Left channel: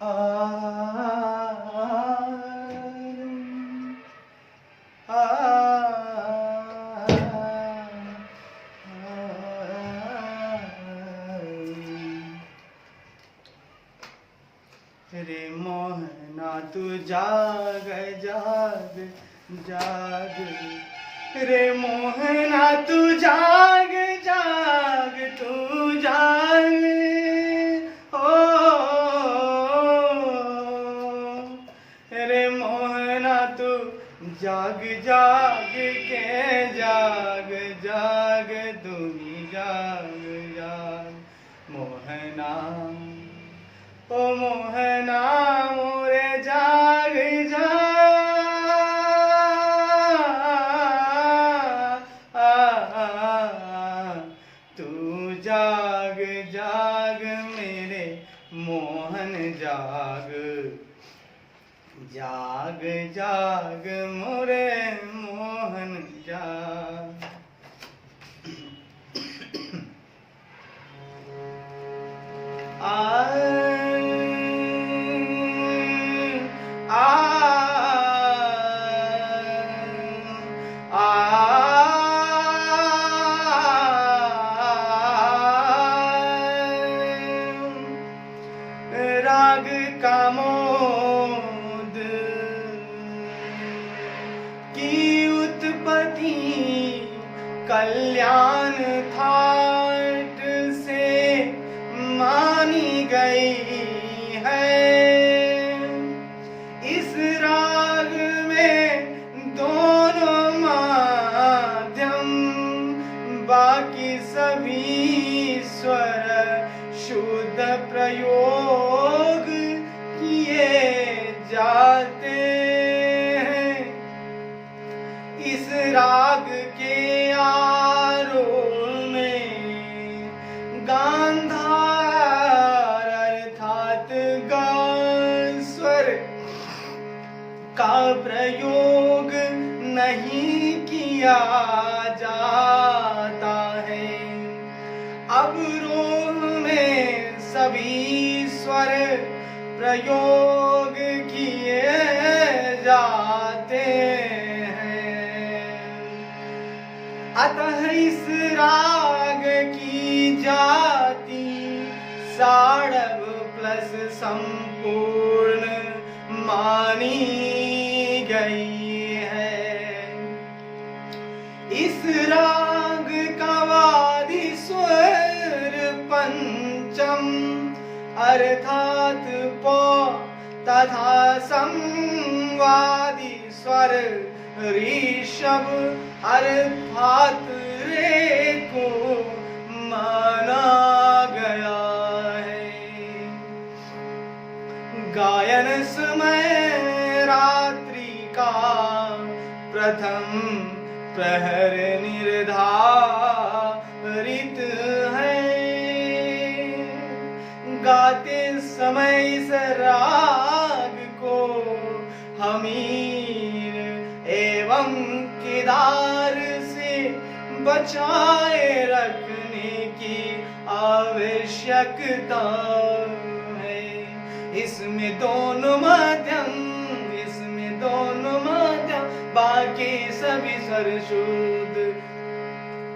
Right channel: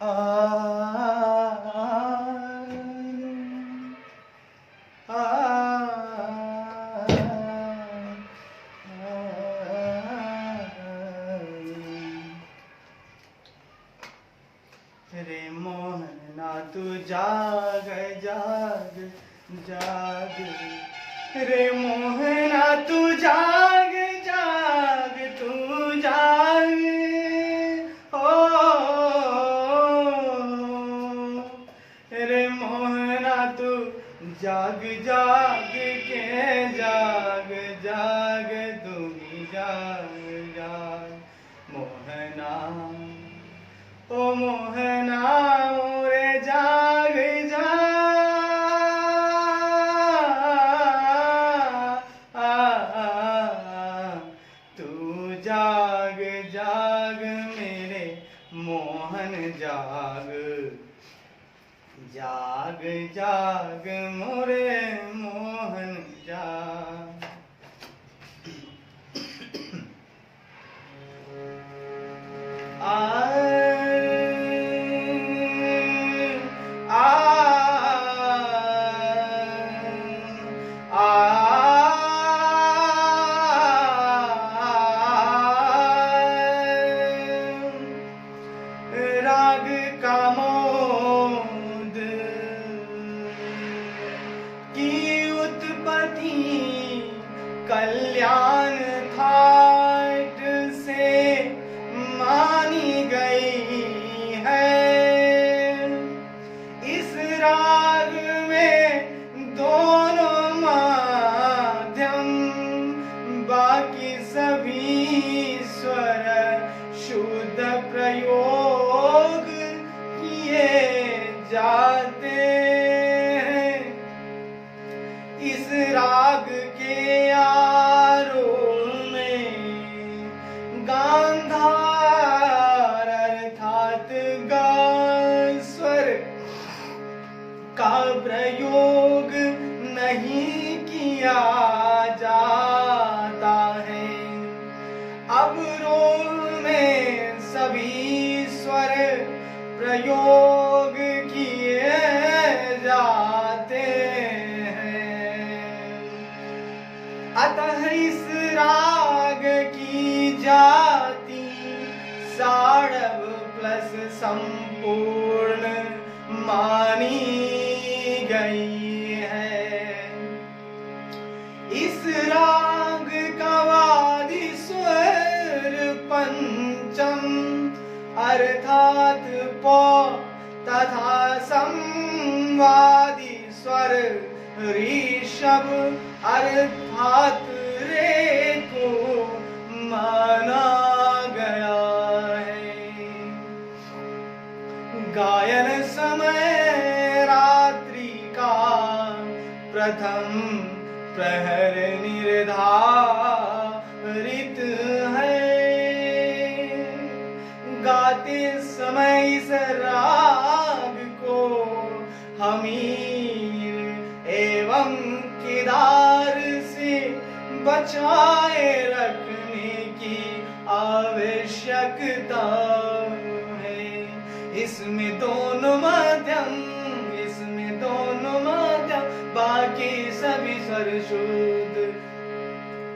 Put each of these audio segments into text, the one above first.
रे मोहना तू जाग जाग जाग, रे मोहना तू जाग जाग तू जाग, ओ रे मोहना तू जाग जाग के जाग जाग तू ही जाग जाग मोहना, ओ मोहना मोरे जाग जाग, तू जाग जाग मेरे मोहन जाग, जाग जाग मोरे मोहन जाग। राग का मोद की उत्पत्ति कल्याण थाट से मानी गई है। इस राग में दोनों माध्यम बाकी सभी स्वर शुद्ध प्रयोग किए जाते हैं। इस राग के आरोह में गांधार अर्थात गा स्वर का प्रयोग नहीं किया जाता है। अवरोह में सभी स्वर प्रयोग किए जाते हैं। अतः इस राग की जाति साड़व प्लस संपूर्ण मानी गई है। इस राग का वादी स्वर पंचम अर्थात प तथा संवादी स्वर ऋषभ अर्थात रे को माना गया है। गायन समय रात्रि का प्रथम प्रहर निर्धारित है। गाते समय इस राग को हमीर एवं केदार से बचाए रखने की आवश्यकता है। इसमें दोनों माध्यम बाकी सभी स्वर शुद्ध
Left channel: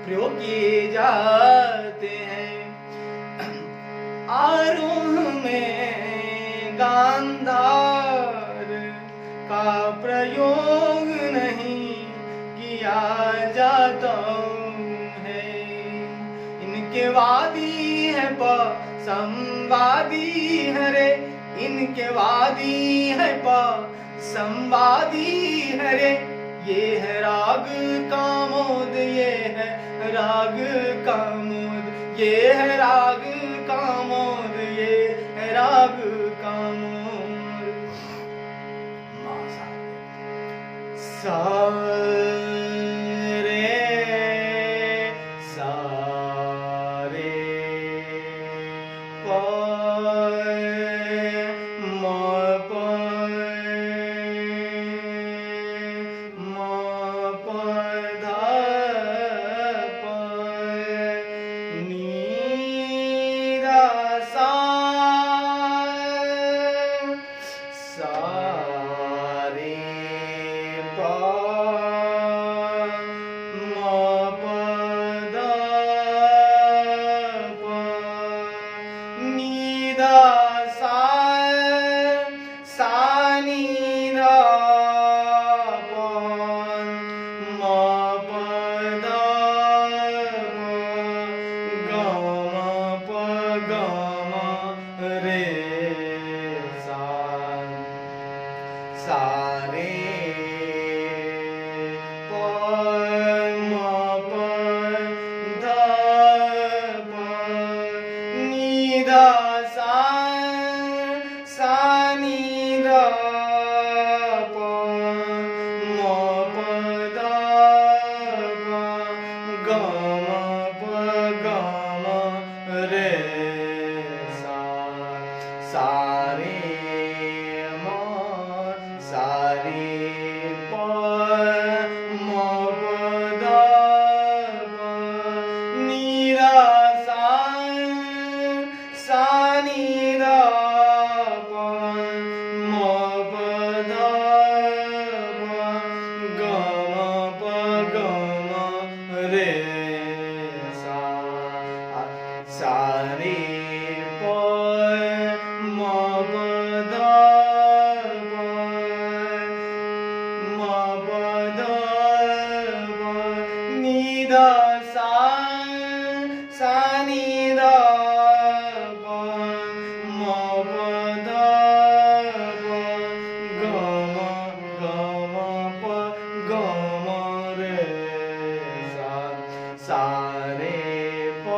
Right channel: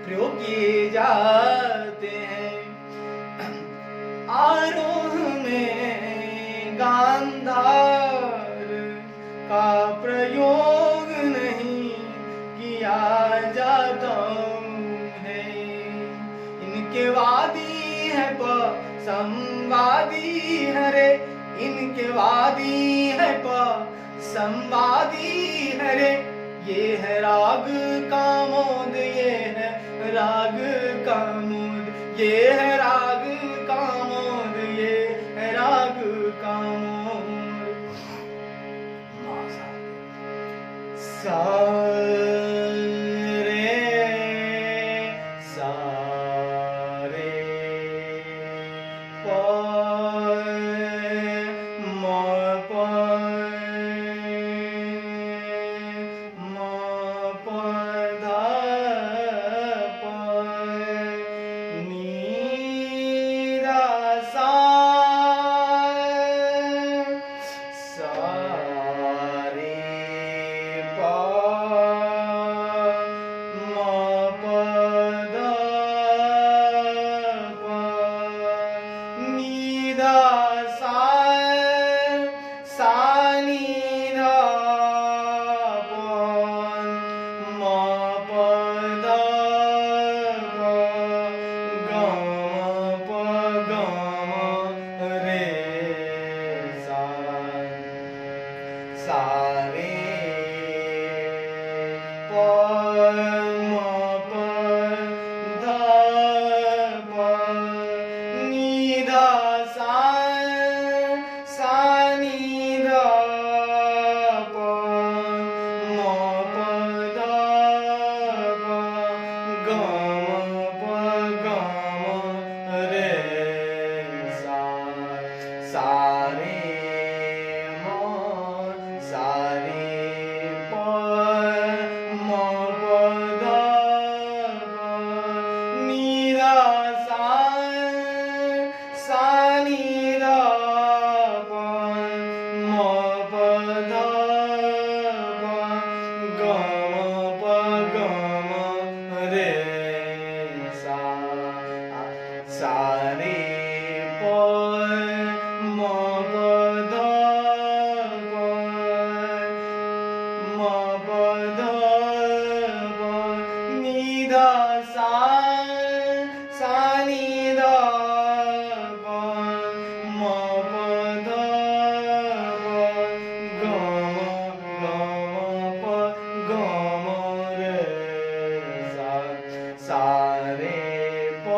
प्रयोग किए जाते हैं। आरोह में गांधार का प्रयोग नहीं किया जाता है। इनके वादी है प संवादी है रे, इनके वादी है प संवादी है रे। ये है राग कामोद, ये है राग कामोद, ये है राग कामोद, ये है राग कामोद। सा रे सा रे प नी धा सा सा नी धा प म प ध प ग म प ग म रे सा सा रे प म प ध प नी धा सा सा नी धा प म प ध प ग म प ग म रे सा सा रे म सा रे प म प ध प नी धा सा सा नी धा प म प ध प ग म प ग म रे सा सा रे प म प ध प म प ध प नी धा सा सा नी धा प म प ध प ग म प ग म रे सा सा रे प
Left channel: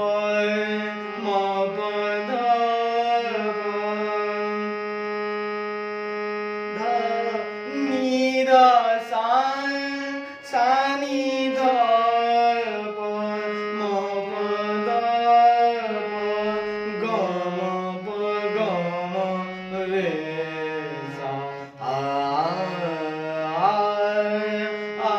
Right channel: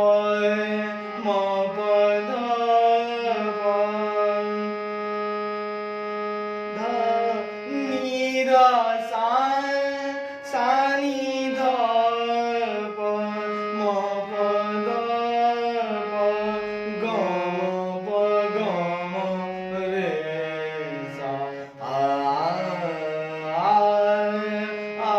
म प ध प ध नी धा सा सा नी धा प म प ध प ग म प ग म रे सा आ आ आ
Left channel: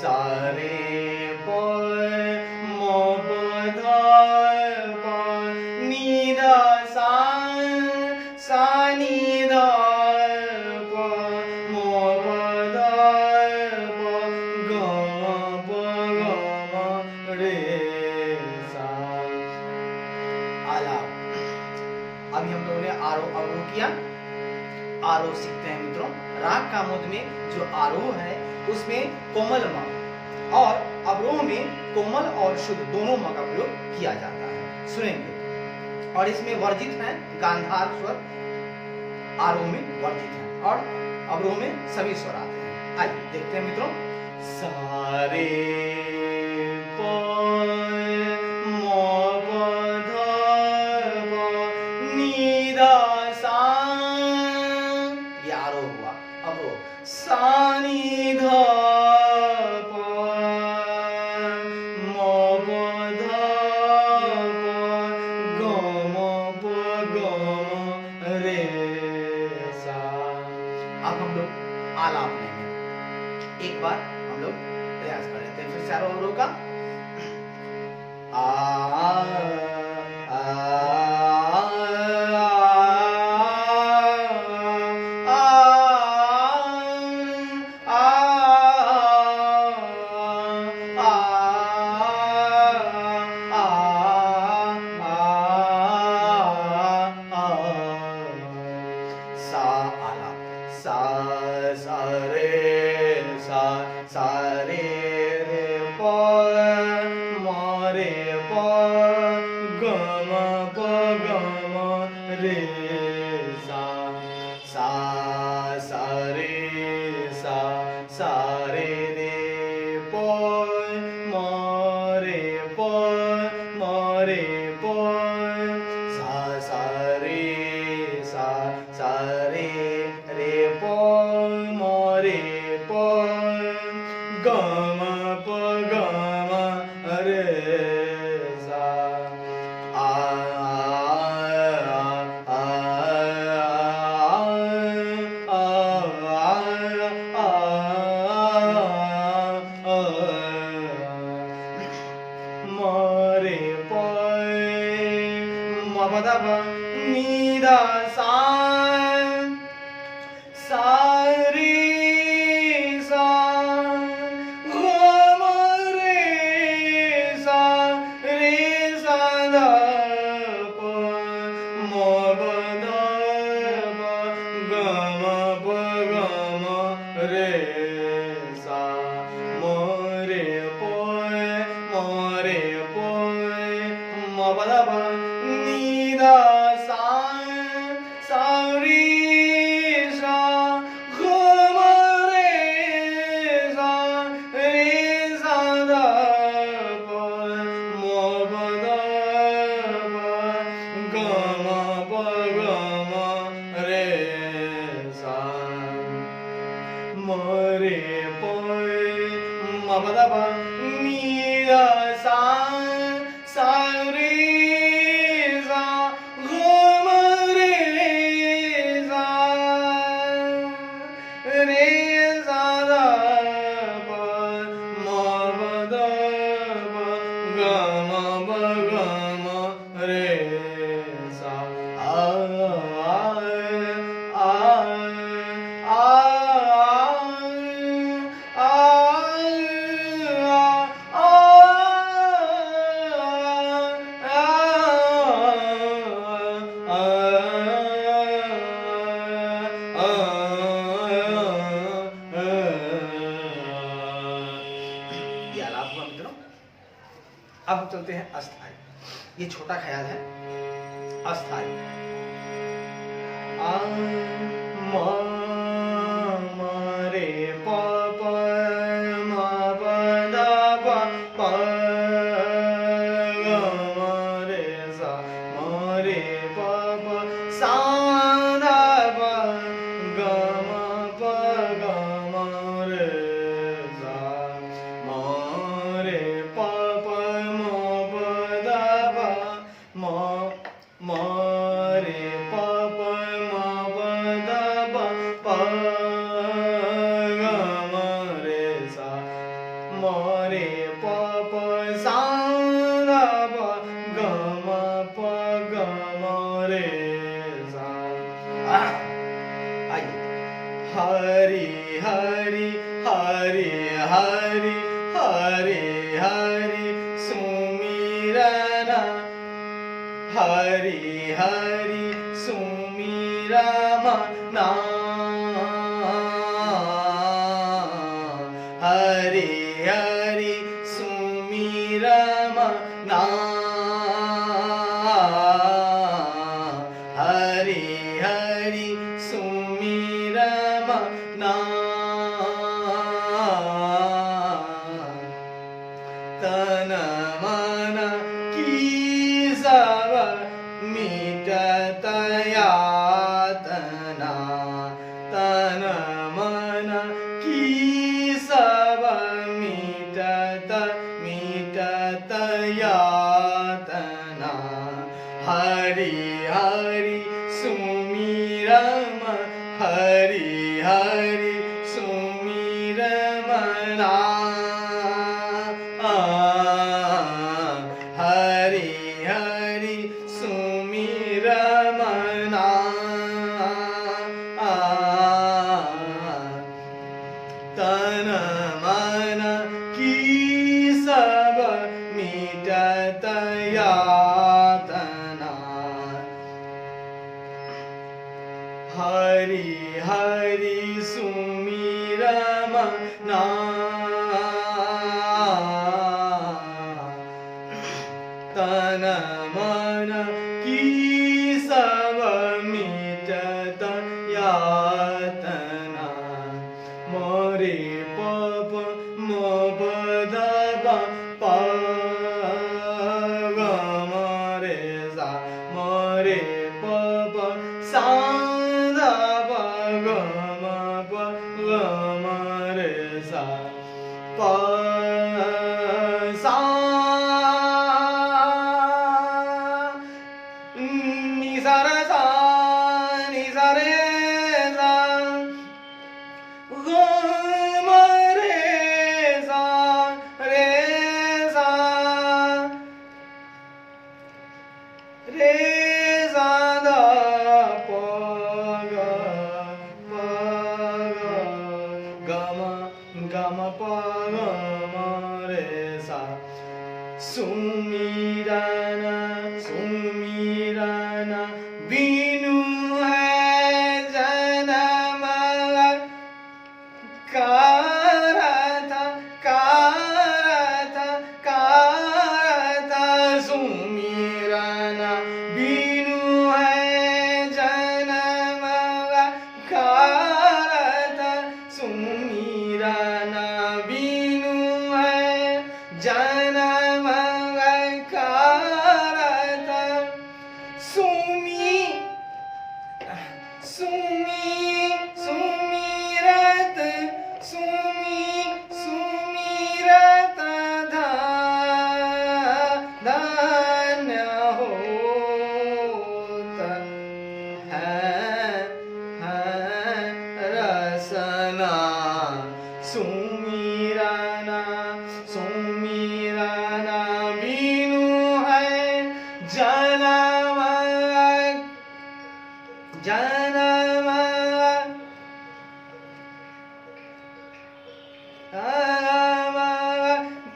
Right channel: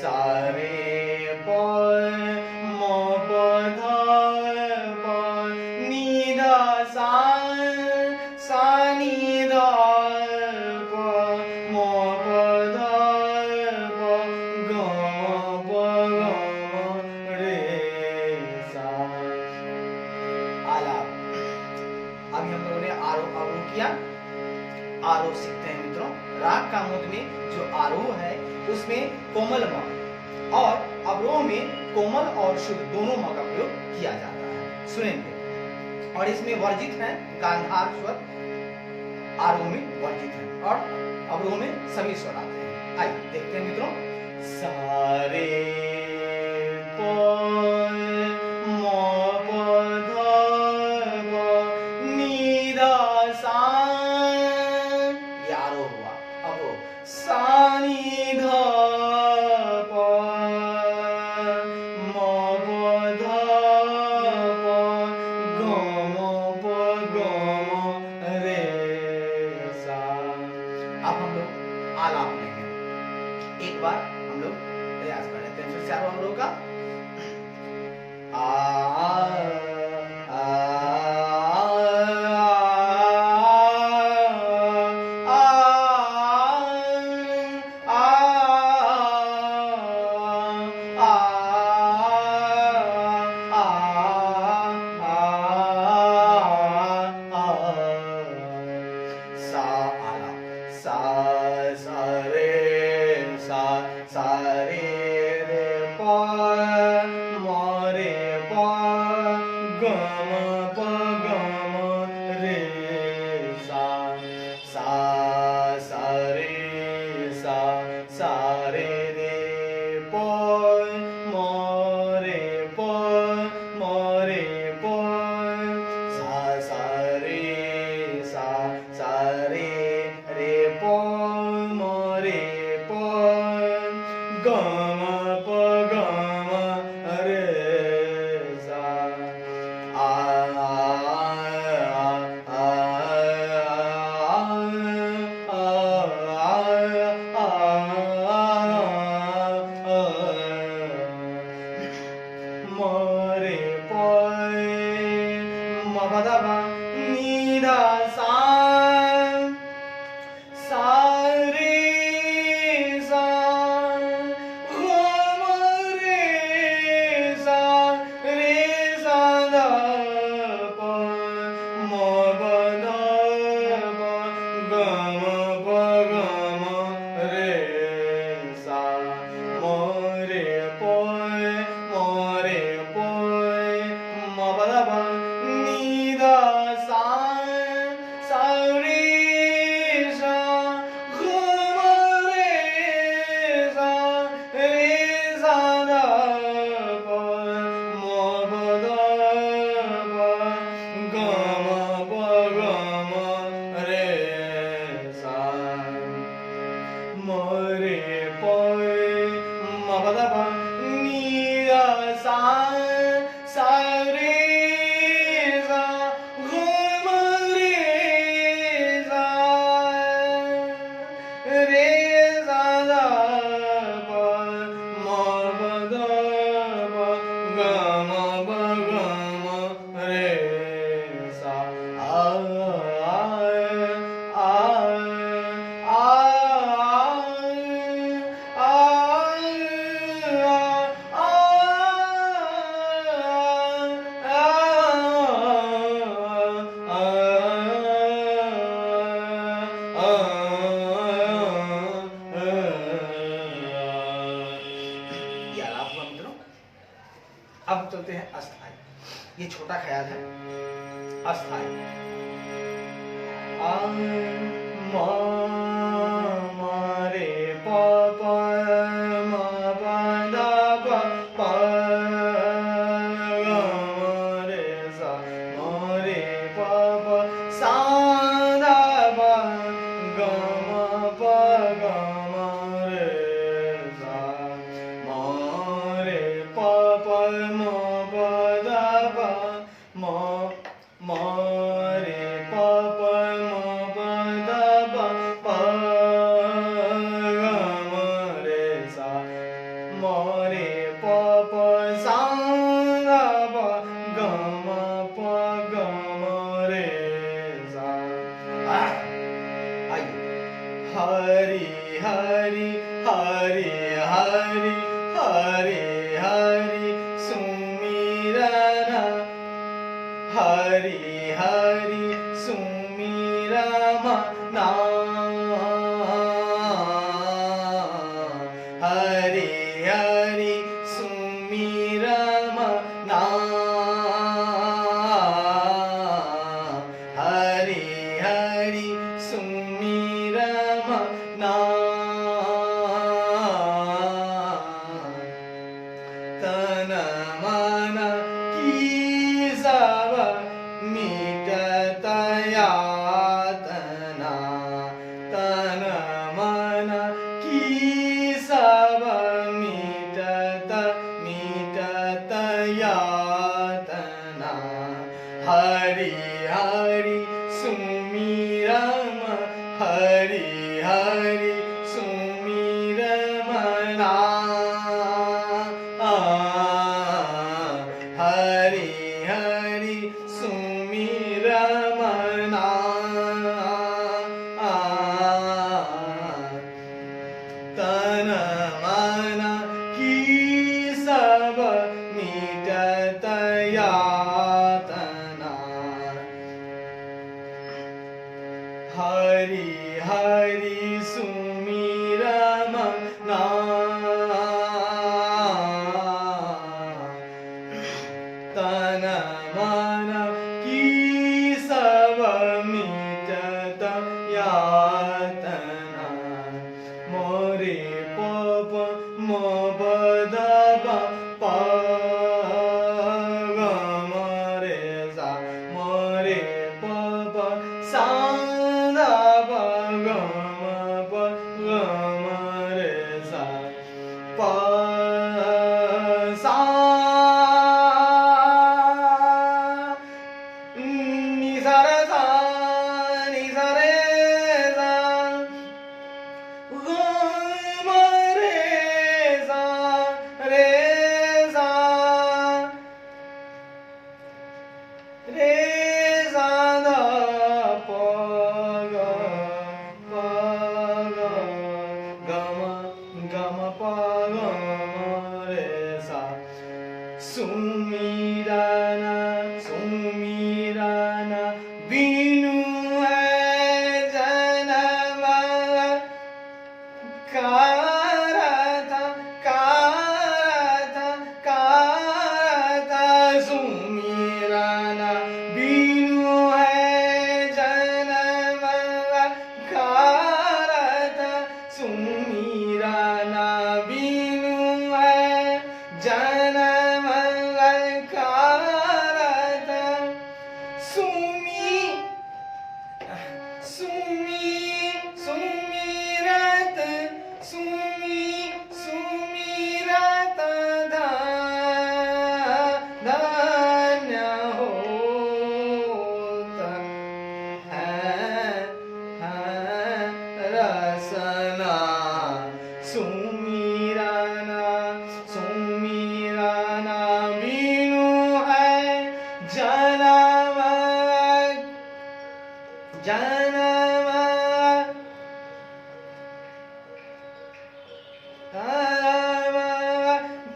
सा रे प म प ध प नी धा सा सा नी धा प म प ध प ग म प ग म रे सा आलाप। अभी हम लोगों ने आरोह अवरोह किया। आरोह सीखते हैं मित्रों। राग कामोद में जो आरोह है उसमें कोमल म और अवरोह में कोमल और शुद्ध दोनों म का प्रयोग किया जाता है। सुनेंगे। और इसमें वर्जित है गांधार स्वर, आरोह में वर्जित है और अवरोह में सभी स्वर आते हैं। आइए देखते हैं मित्रों। सा रे प म प ध प नी धा सा, ये आरोह हुआ। अवरोह सा नी धा प म प ध प ग म प ग म रे सा। अब हम लोग आलाप लेंगे। एक बार हम लोग प्रयास कर लेते हैं फिर से आरोह अवरोह का। सा आलाप सा सा रे सा सा रे रे प म रे प गम प गम रे सा आ मरे पय मबदब नीदा सा सारे सा गम रे सा दा प मबदब गम प गम रे सा मरे पय मबदब नीदा सा सारे सा गम रे सा दा प मबदब गम प गम रे सा मरे पय मबदब नीदा सा सारे सा गम रे सा दा प मबदब गम प गम रे सा ये आलाप हुआ मित्रों। अब हम चलते हैं अस्थाई। ये छोटा ख्याल है अस्थाई। मरे प मबदब प गम रे सा मरे प सा दा प गम प गम रे सा मरे प मबदब मरे प मबदब प गम रे सा मरे प सा दा प गम प गम रे सा आइए। हरि हरि हरि हरि हरि हरि सुमिरन हरि हरि सुमिरन हरि हरि सुमिरन हरि हरि सुमिरन तन मन की सब मिटत यातना तन मन की सब मिटत यातना हरि हरि सुमिरन हरि हरि सुमिरन हरि हरि सुमिरन तन मन की सब मिटत यातना हरि हरि सुमिरन तन मन की सब मिटत यातना मोरे पप मोबद सा नि सा रे सा नि सा रे सा ग म रे सा रे सा दा प ग ग म प ग म रे सा सुमिरना सुमिरना बिनु है जन्म कारथा सुमिरना बिनु है जन्म कारथा सुमिरना बिनु है जन्म कारथा सुमि सुमि सुमिरत सुमिरत धन्य होता है रसना सुमिरना सुमिरना बिनु है जन्म जन्म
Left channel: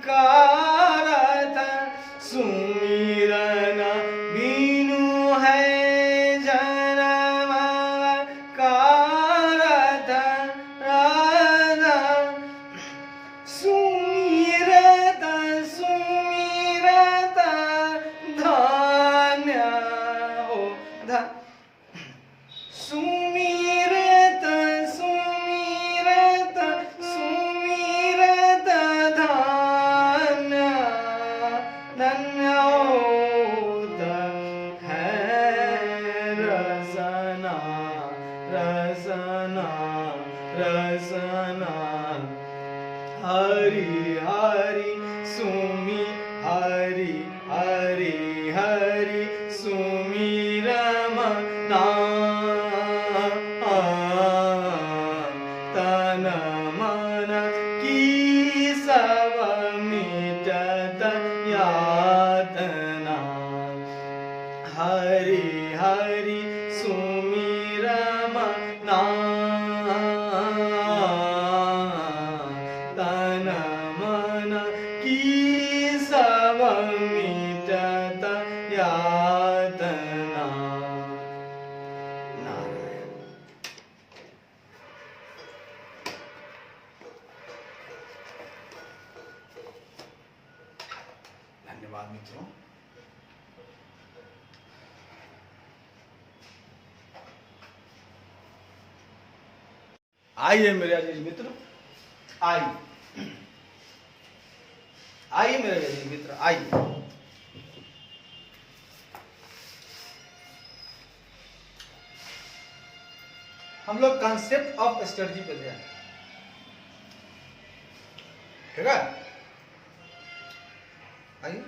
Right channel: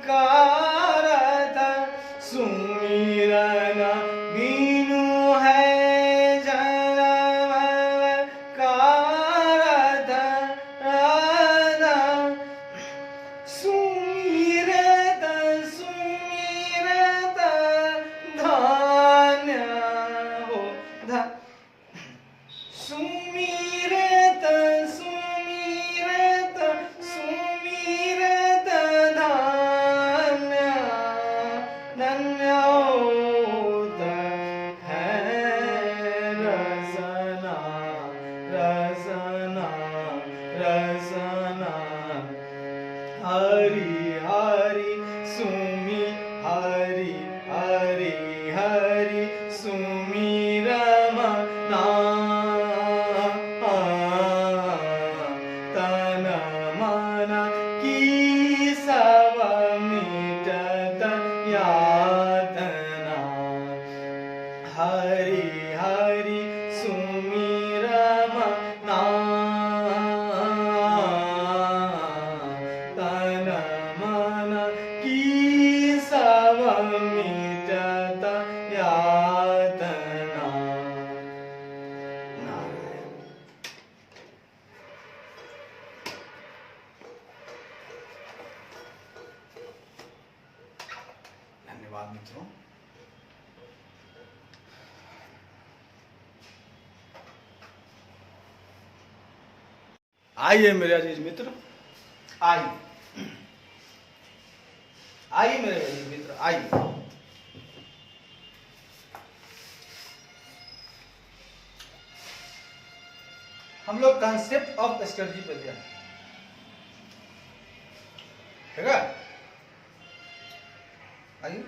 कारथा सुमिरना बिनु है जन्म कारथा सुमिरत सुमिरत धन्य हो सुमिरत सुमिरत सुमिरत धन्य धन्य होता है रसना रसना रसना हरि हरि सुमि हरि हरि हरि सुमिरमना तन मन की सब मिटत यातना हरि हरि सुमिरमना तन मन की सब मिटत यातना नारायण। धन्यवाद मित्रों। आइए मेरे अजीज मित्र, आइए आइए मेरे अजीज मित्र, आइए। हम लोग कॉन्सेप्ट ऑफ स्ट्रेटजी पे ध्यान, ठीक है। आइए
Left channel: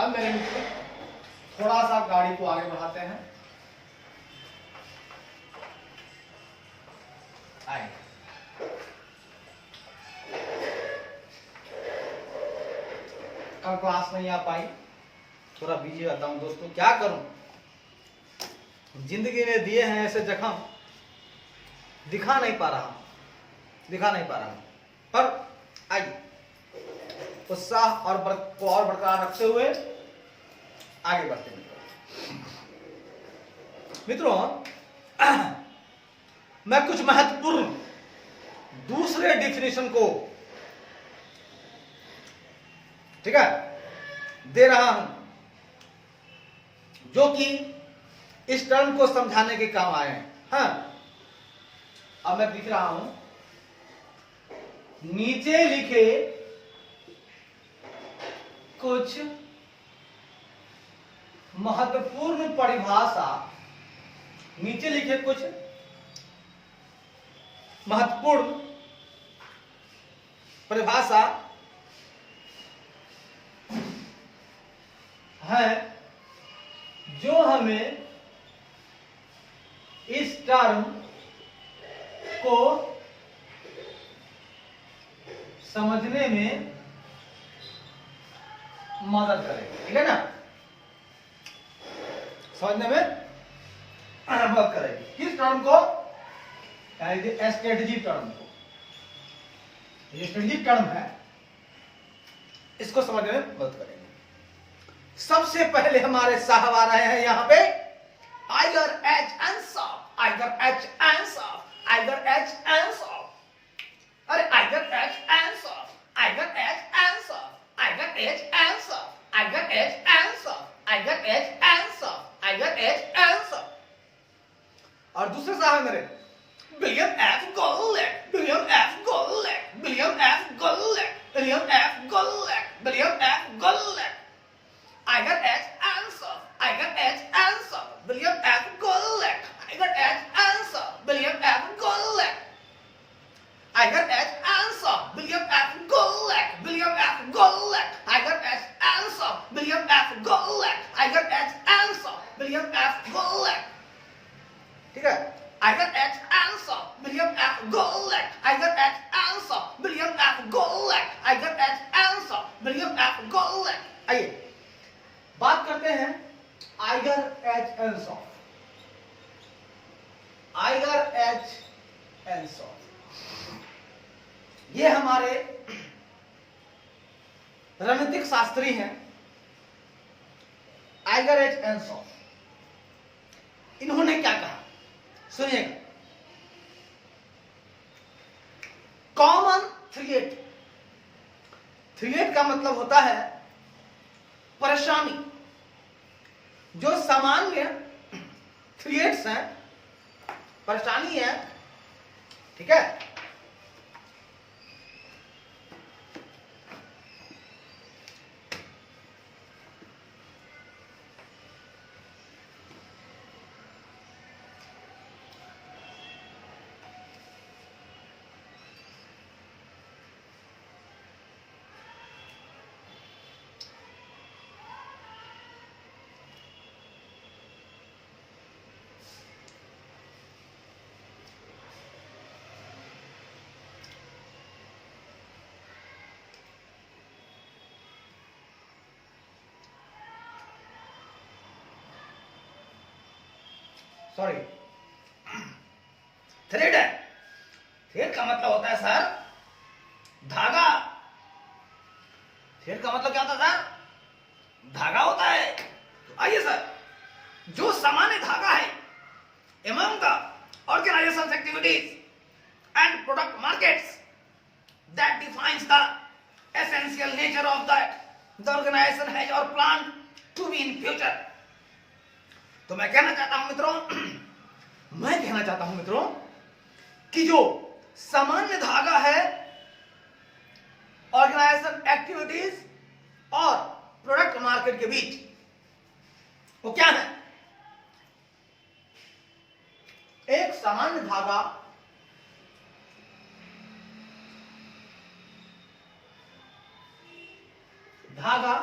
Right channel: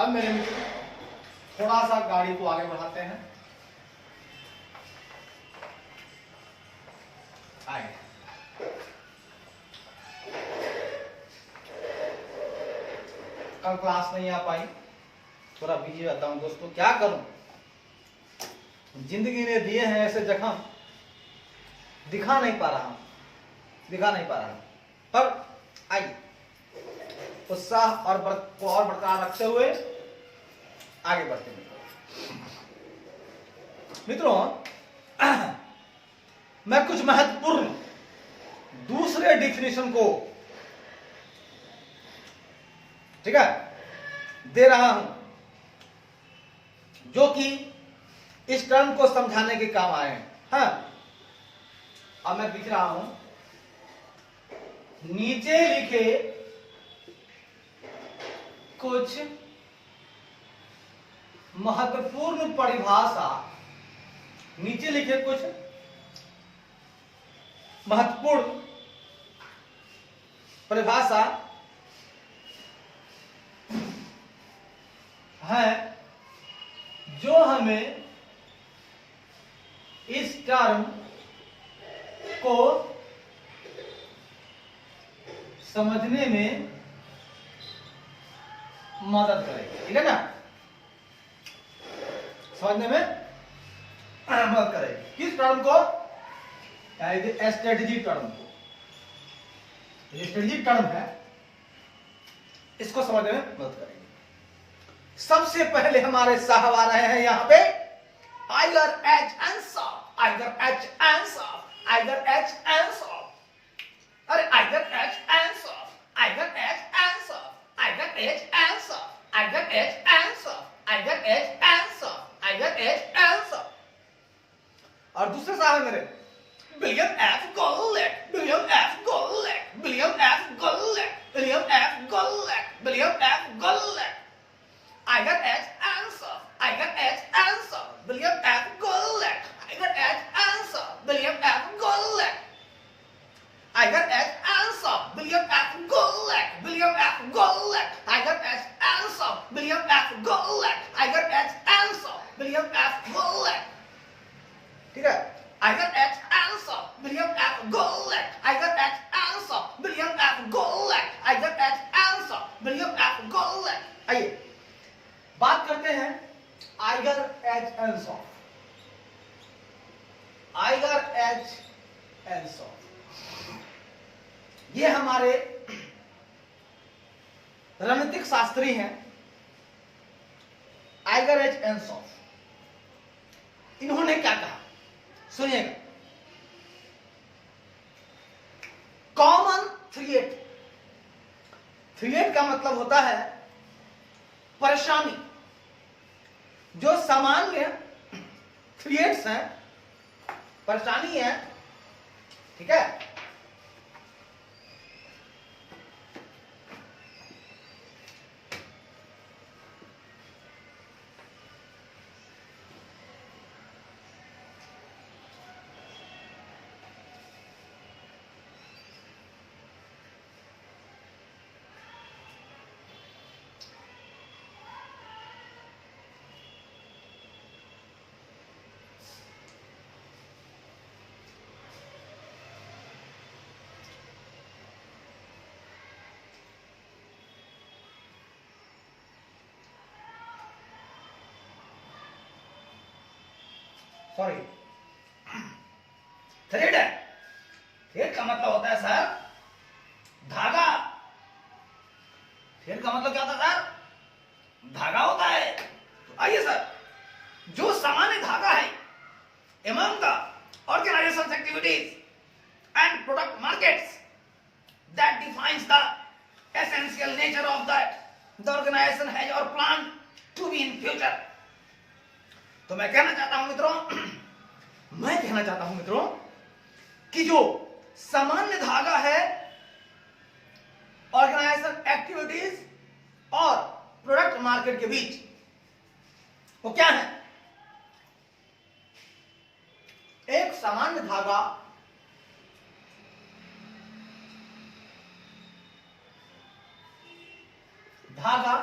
अब मेरे मित्र थोड़ा सा गाड़ी को आगे बढ़ाते हैं। आइए कल क्लास नहीं आ पाई, थोड़ा बिजी रहता हूं दोस्तों, क्या करूं। जिंदगी में दिए हैं ऐसे जख्म, दिखा नहीं पा रहा पर आइए उत्साह और को और बरकरार रखते हुए आगे बढ़ते हैं। मित्रों मैं कुछ महत्वपूर्ण दूसरे डिफिनेशन को, ठीक है, दे रहा हूं जो कि इस टर्म को समझाने के काम आए हैं। हाँ, अब मैं दिख रहा हूं नीचे लिखे कुछ महत्वपूर्ण परिभाषा, नीचे लिखे कुछ महत्वपूर्ण परिभाषा है जो हमें इस टर्म को समझने में मदद करेगा, ठीक है ना, समझने में मदद करेगी। किस टर्म को? स्ट्रेटेजिक टर्म को। ये स्ट्रेटेजिक टर्म है, इसको समझने में मदद करेगी। सबसे पहले हमारे साहब आ रहे हैं यहाँ पे Igor H Ansoff, Igor H Ansoff, Igor H Ansoff, अरे Igor H Ansoff, Igor H Ansoff, Igor H Ansoff, Igor H Ansoff, Igor H Ansoff, Igor H Ansoff. और दूसरे साहब मेरे William F Glueck, William F Glueck, William F Glueck, William F Glueck, William F Glueck, Igor H Ansoff, Igor H Ansoff, William F Glueck, Igor H Ansoff, William F Glueck, Igor H Ansoff, William F Glueck, William F Glueck, Igor H Ansoff, William F Glueck, Igor H Ansoff, William F Glueck, ठीक है। Igor H Ansoff, William F Glueck, Igor H Ansoff, William F Glueck, Igor H Ansoff, William F Glueck. आइए बात करते हैं Igor H Ansoff, Igor H Ansoff. ये हमारे रणनीतिक शास्त्री हैं आइगर एच आंसर। इन्होंने क्या कहा सुनिएगा। कॉमन थ्रेट, थ्रेट का मतलब होता है परेशानी। जो सामान्य थ्रेट्स हैं, परेशानी है, ठीक है। सॉरी, थ्रेड है। थ्रेड का मतलब होता है सर धागा। थ्रेड का मतलब क्या होता है सर? धागा होता है। तो आइए सर, जो सामान्य धागा है among the organization's activities and product markets that defines the essential nature of that the organization has or planned to be in future। तो मैं कहना चाहता हूं मित्रों, मैं कहना चाहता हूं मित्रों कि जो सामान्य धागा है ऑर्गेनाइजेशन एक्टिविटीज और प्रोडक्ट मार्केट के बीच, वो क्या है? एक सामान्य धागा धागा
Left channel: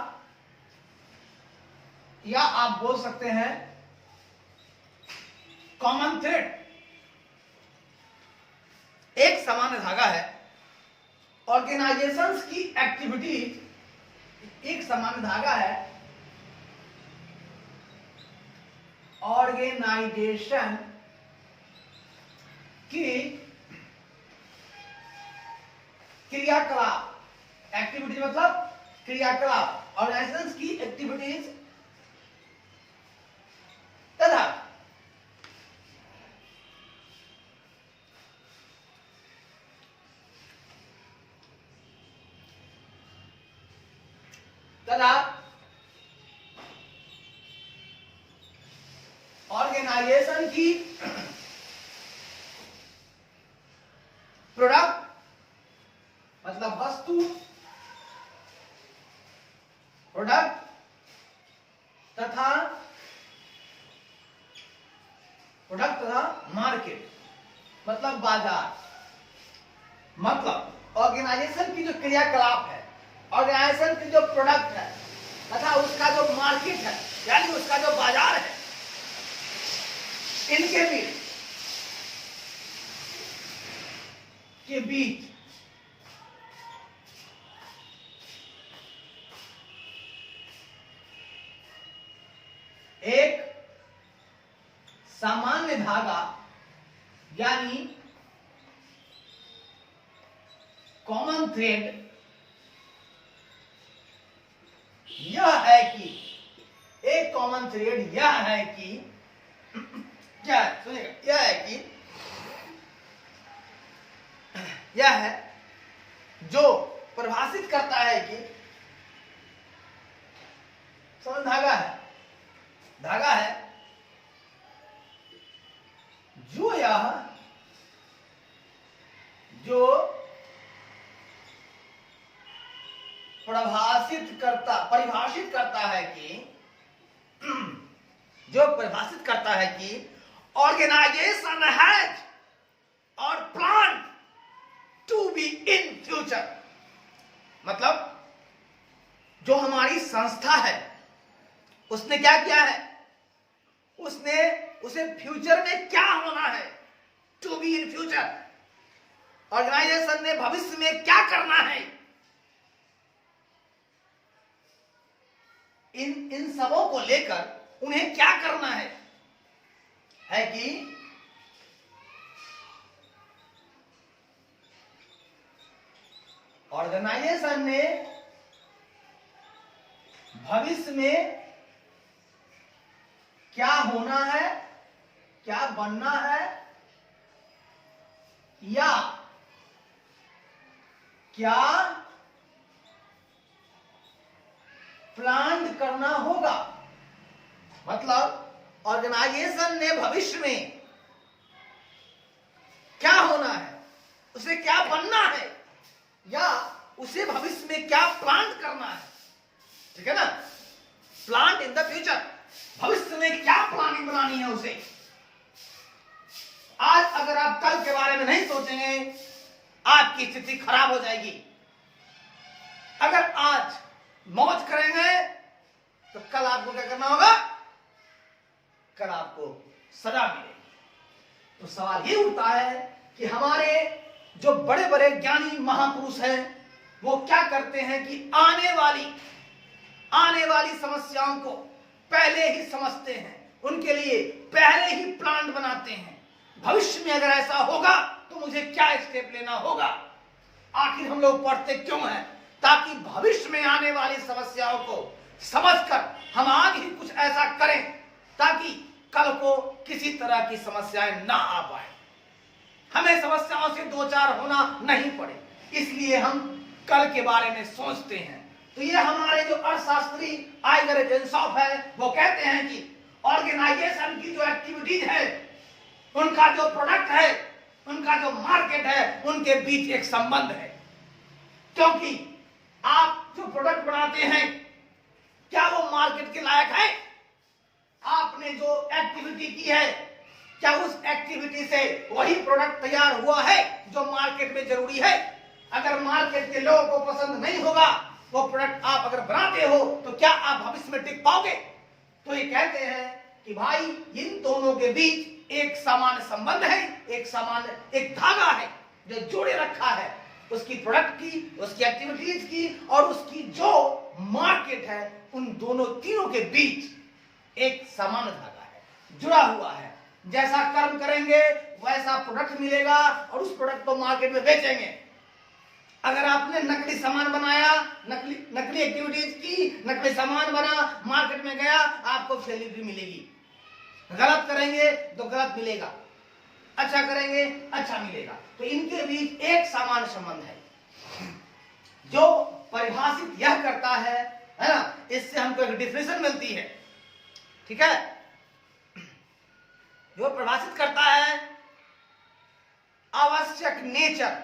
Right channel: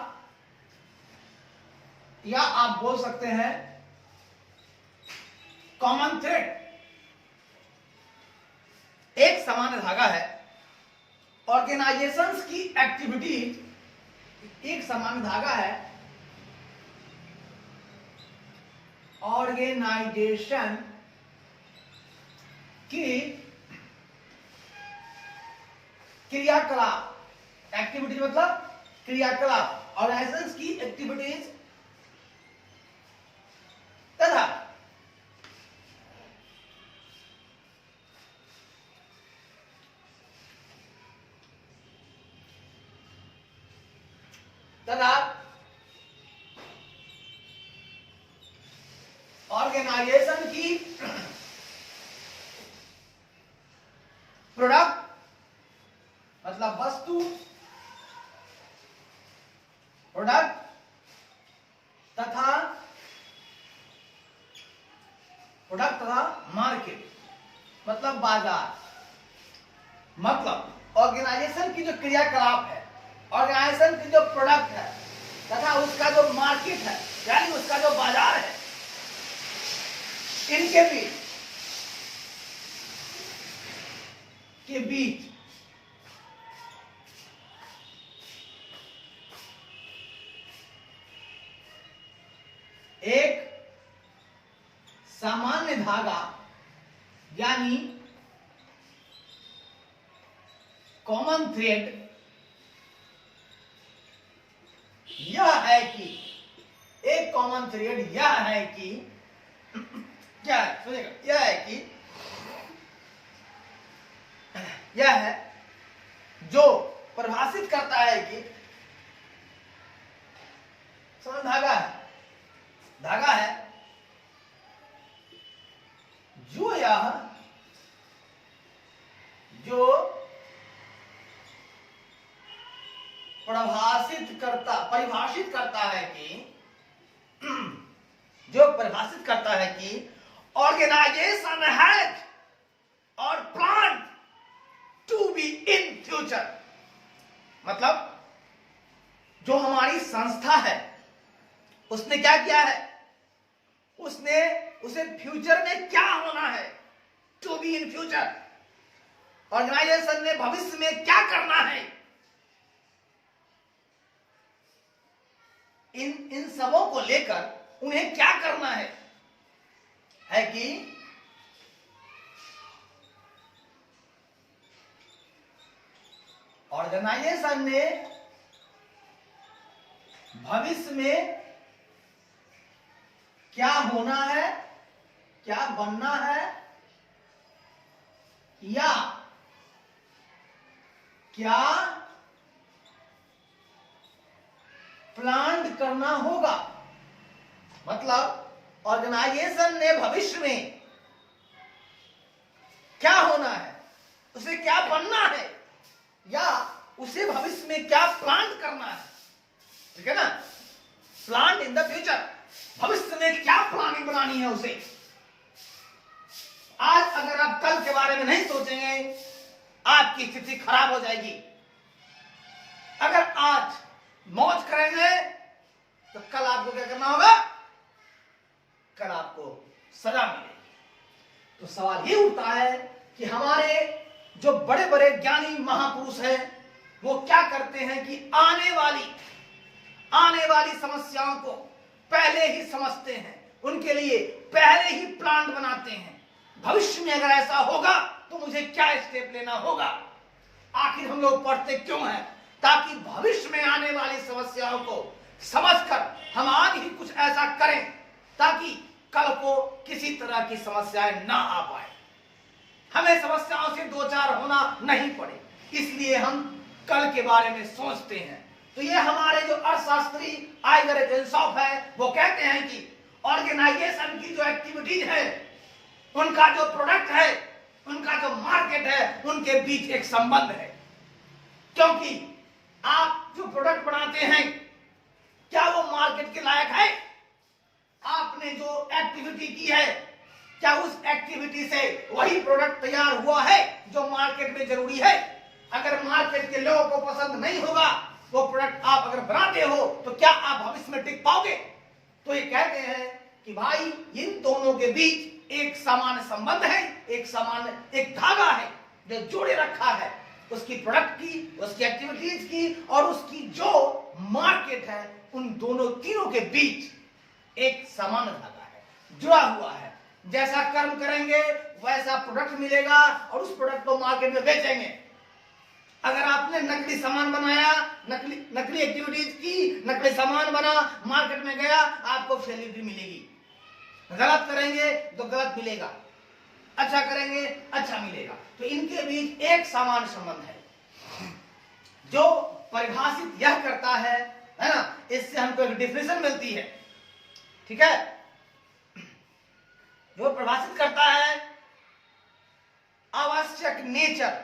या आप बोल सकते हैं कॉमन थ्रेड। एक सामान्य धागा है ऑर्गेनाइजेशंस की एक्टिविटीज, एक सामान्य धागा है ऑर्गेनाइजेशन की क्रियाकलाप, एक्टिविटीज मतलब क्रियाकलाप, ऑर्गेनाइजेशंस की एक्टिविटीज तथा ऑर्गेनाइजेशन की प्रोडक्ट प्रोडक्ट तथा मार्केट मतलब बाजार, मतलब ऑर्गेनाइजेशन की जो क्रियाकलाप है, ऑर्गेनाइजेशन की जो प्रोडक्ट है तथा उसका जो मार्केट है यानी उसका जो बाजार है, इनके बीच एक सामान्य धागा यानी कॉमन थ्रेड यह है कि एक कॉमन थ्रेड यह है कि क्या है सुनिएगा, यह है जो परिभाषित करता है कि समझ धागा है जो परिभाषित करता है कि ऑर्गेनाइजेशन हैज और plan to be in future, मतलब जो हमारी संस्था है उसने क्या किया है, उसे फ्यूचर में क्या होना है, to be in future, organization ने भविष्य में क्या करना है, इन सबों को लेकर उन्हें क्या करना है कि ऑर्गेनाइजेशन ने भविष्य में क्या होना है, क्या बनना है, या क्या प्लान करना होगा, मतलब ऑर्गेनाइजेशन ने भविष्य में क्या होना है, उसे क्या बनना है, या उसे भविष्य में क्या प्लान करना है, ठीक है ना, प्लान इन द फ्यूचर, भविष्य में क्या प्लानिंग बनानी है उसे। आज अगर आप कल के बारे में नहीं सोचेंगे आपकी स्थिति खराब हो जाएगी। अगर आज मौज करेंगे तो कल आपको क्या करना होगा, कल आपको सजा मिलेगी। तो सवाल ये उठता है कि हमारे जो बड़े बड़े ज्ञानी महापुरुष हैं वो क्या करते हैं कि आने वाली समस्याओं को पहले ही समझते हैं, उनके लिए पहले ही प्लान बनाते हैं, भविष्य में अगर ऐसा होगा तो मुझे क्या स्टेप लेना होगा। आखिर हम लोग पढ़ते क्यों हैं, ताकि भविष्य में आने वाली समस्याओं को समझकर हम आज ही कुछ ऐसा करें ताकि कल को किसी तरह की समस्याएं ना आ पाए, हमें समस्याओं से दो चार होना नहीं पड़े, इसलिए हम कल के बारे में सोचते हैं। तो ये हमारे जो अर्थशास्त्री आइगर एजेंसॉफ है वो कहते हैं कि ऑर्गेनाइजेशन की जो एक्टिविटीज है, उनका जो प्रोडक्ट है, उनका जो मार्केट है, उनके बीच एक संबंध है। क्योंकि आप जो प्रोडक्ट बनाते हैं क्या वो मार्केट के लायक है, आपने जो एक्टिविटी की है क्या उस एक्टिविटी से वही प्रोडक्ट तैयार हुआ है जो मार्केट में जरूरी है। अगर मार्केट के लोगों को पसंद नहीं होगा वो प्रोडक्ट आप अगर बनाते हो तो क्या आप भविष्य में टिक पाओगे। तो ये कहते हैं कि भाई इन दोनों के बीच एक सामान्य संबंध है, एक धागा है जो जोड़े रखा है उसकी प्रोडक्ट की, उसकी एक्टिविटीज की और उसकी जो मार्केट है, उन तीनों के बीच एक सामान्य धागा है, जुड़ा हुआ है। जैसा कर्म करेंगे वैसा प्रोडक्ट मिलेगा और उस प्रोडक्ट को मार्केट में बेचेंगे। अगर आपने नकली सामान बनाया, नकली एक्टिविटीज की, नकली सामान बना, मार्केट में गया, आपको फेलियर मिलेगी। गलत करेंगे तो गलत मिलेगा, अच्छा करेंगे अच्छा मिलेगा। तो इनके बीच एक सामान्य संबंध है जो परिभाषित यह करता है ना, इससे हमको एक डिफिनेशन मिलती है, ठीक है, जो परिभाषित करता है आवश्यक नेचर,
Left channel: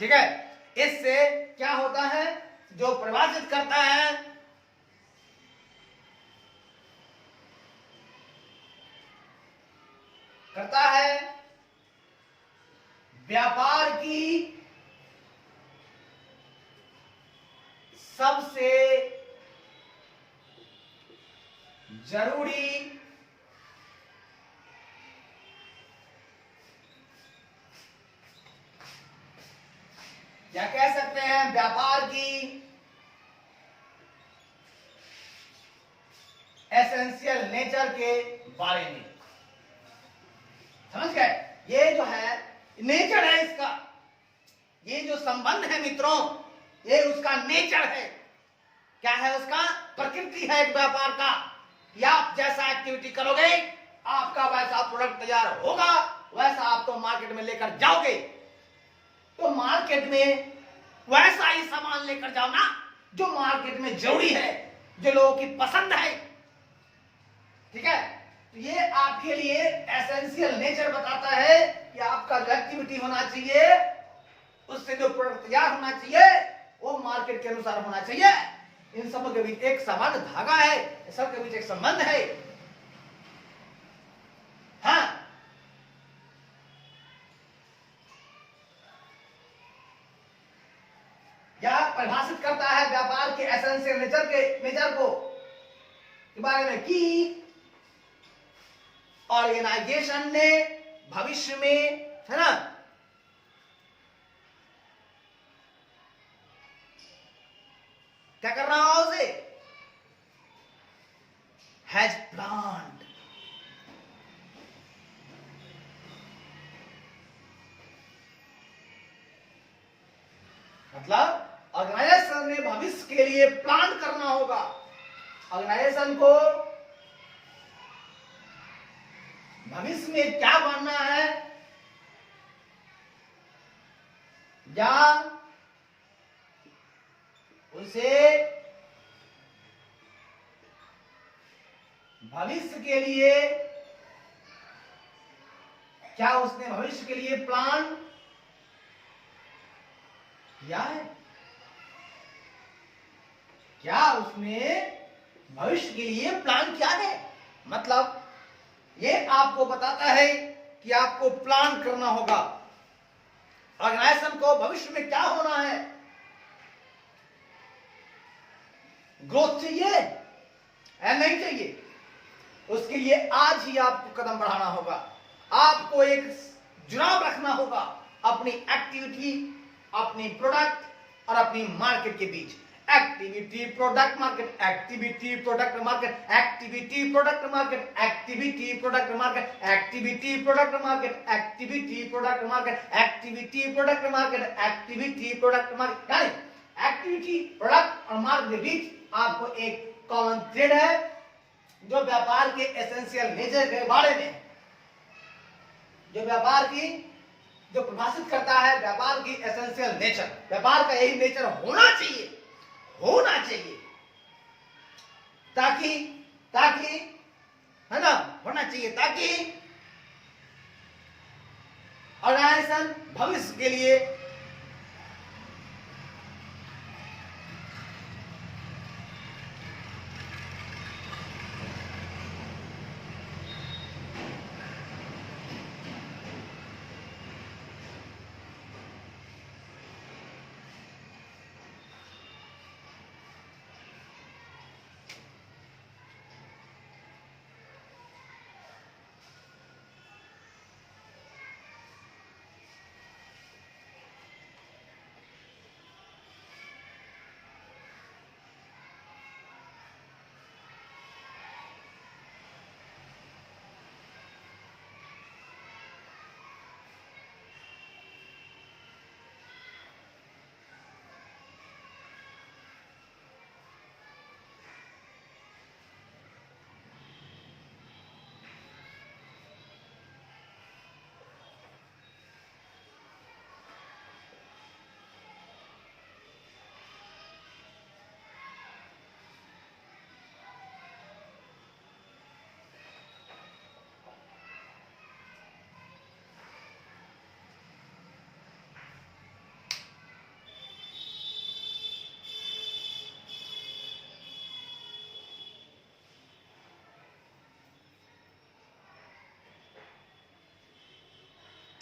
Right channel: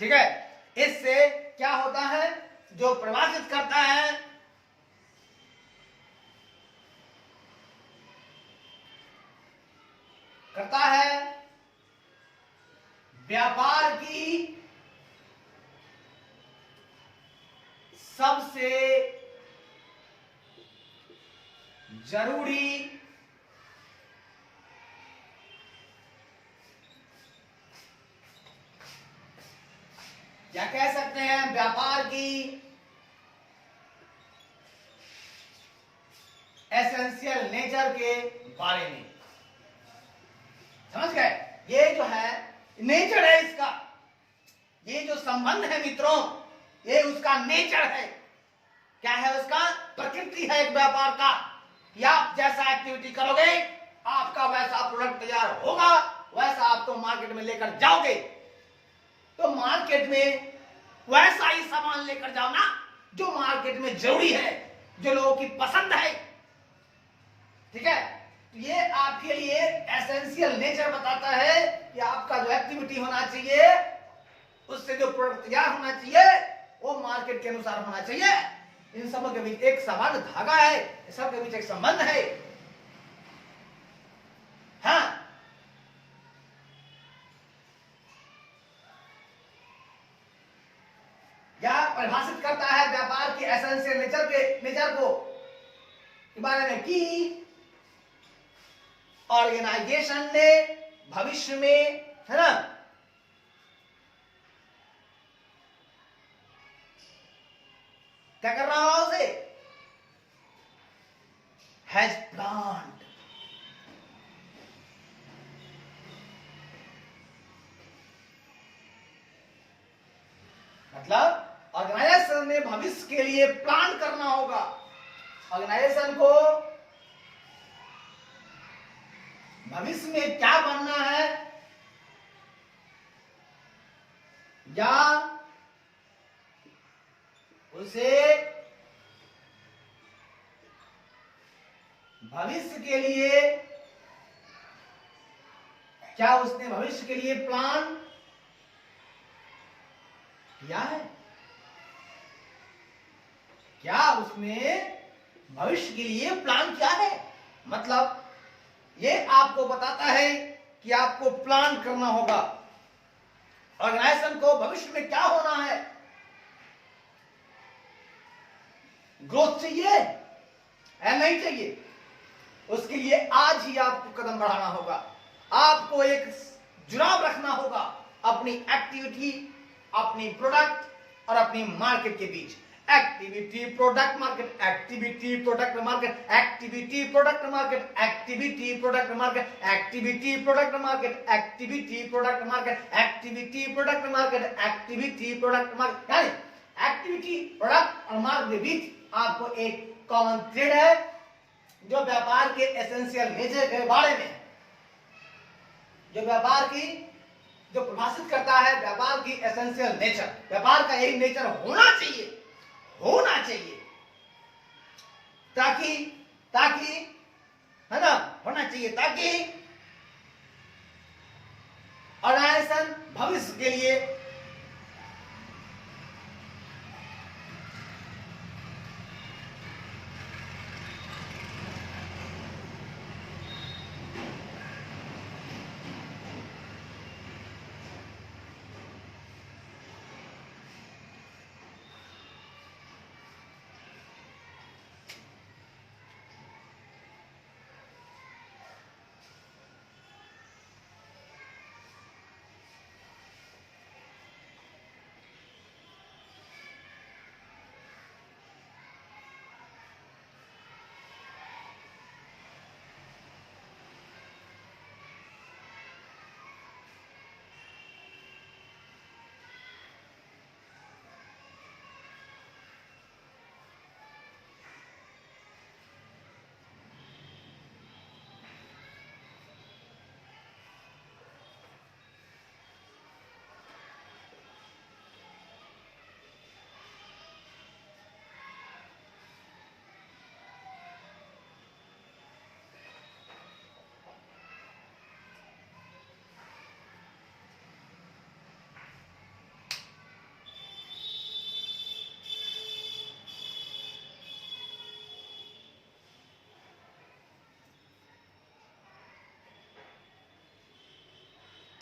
ठीक है। इससे क्या होता है, जो परिभाषित करता है करता है व्यापार की सबसे जरूरी या कह सकते हैं व्यापार की एसेंशियल नेचर के बारे में। समझ गए? ये जो है नेचर है इसका, ये जो संबंध है मित्रों, ये उसका नेचर है। क्या है उसका? प्रकृति है एक व्यापार का कि आप जैसा एक्टिविटी करोगे आपका वैसा प्रोडक्ट तैयार होगा, वैसा आपको मार्केट में लेकर जाओगे। तो मार्केट में वैसा ही सामान लेकर जाओ ना जो मार्केट में जरूरी है, जो लोगों की पसंद है। ठीक है? ये आपके लिए एसेंशियल नेचर बताता है कि आपका जो एक्टिविटी होना चाहिए, उससे जो प्रोडक्ट तैयार होना चाहिए वो मार्केट के अनुसार होना चाहिए। इन सबों के बीच एक सामान्य धागा है, सबके बीच एक संबंध है। हाँ, क्या परिभाषित करता है व्यापार के एसेंशियल नेचर को के बारे में कि ऑर्गेनाइजेशन ने भविष्य में, है ना, क्या कर रहा होगा उसे? हैज प्लान्ड, मतलब ऑर्गेनाइजेशन ने भविष्य के लिए प्लान करना होगा। ऑर्गेनाइजेशन को भविष्य में क्या बनना है या उसे भविष्य के लिए, क्या उसने भविष्य के लिए प्लान किया है? क्या उसने भविष्य के लिए प्लान किया है? मतलब ये आपको बताता है कि आपको प्लान करना होगा। ऑर्गेनाइजेशन को भविष्य में क्या होना है? ग्रोथ चाहिए या नहीं चाहिए? उसके लिए आज ही आपको कदम बढ़ाना होगा। आपको एक जुड़ाव रखना होगा अपनी एक्टिविटी, अपनी प्रोडक्ट और अपनी मार्केट के बीच। Activity product market, activity product market, activity product market, activity product market, activity product market, activity product market, activity product market, activity product market. यानी एक्टिविटी, प्रोडक्ट और मार्केट के बीच आपको एक कॉमन थ्रेड है जो व्यापार के एसेंशियल नेचर के बारे में, जो व्यापार की जो परिभाषित करता है व्यापार की एसेंशियल नेचर। व्यापार का यही नेचर होना चाहिए, होना चाहिए, ताकि ताकि है ना, होना चाहिए ताकि ऑर्गेनाइजेशन भविष्य के लिए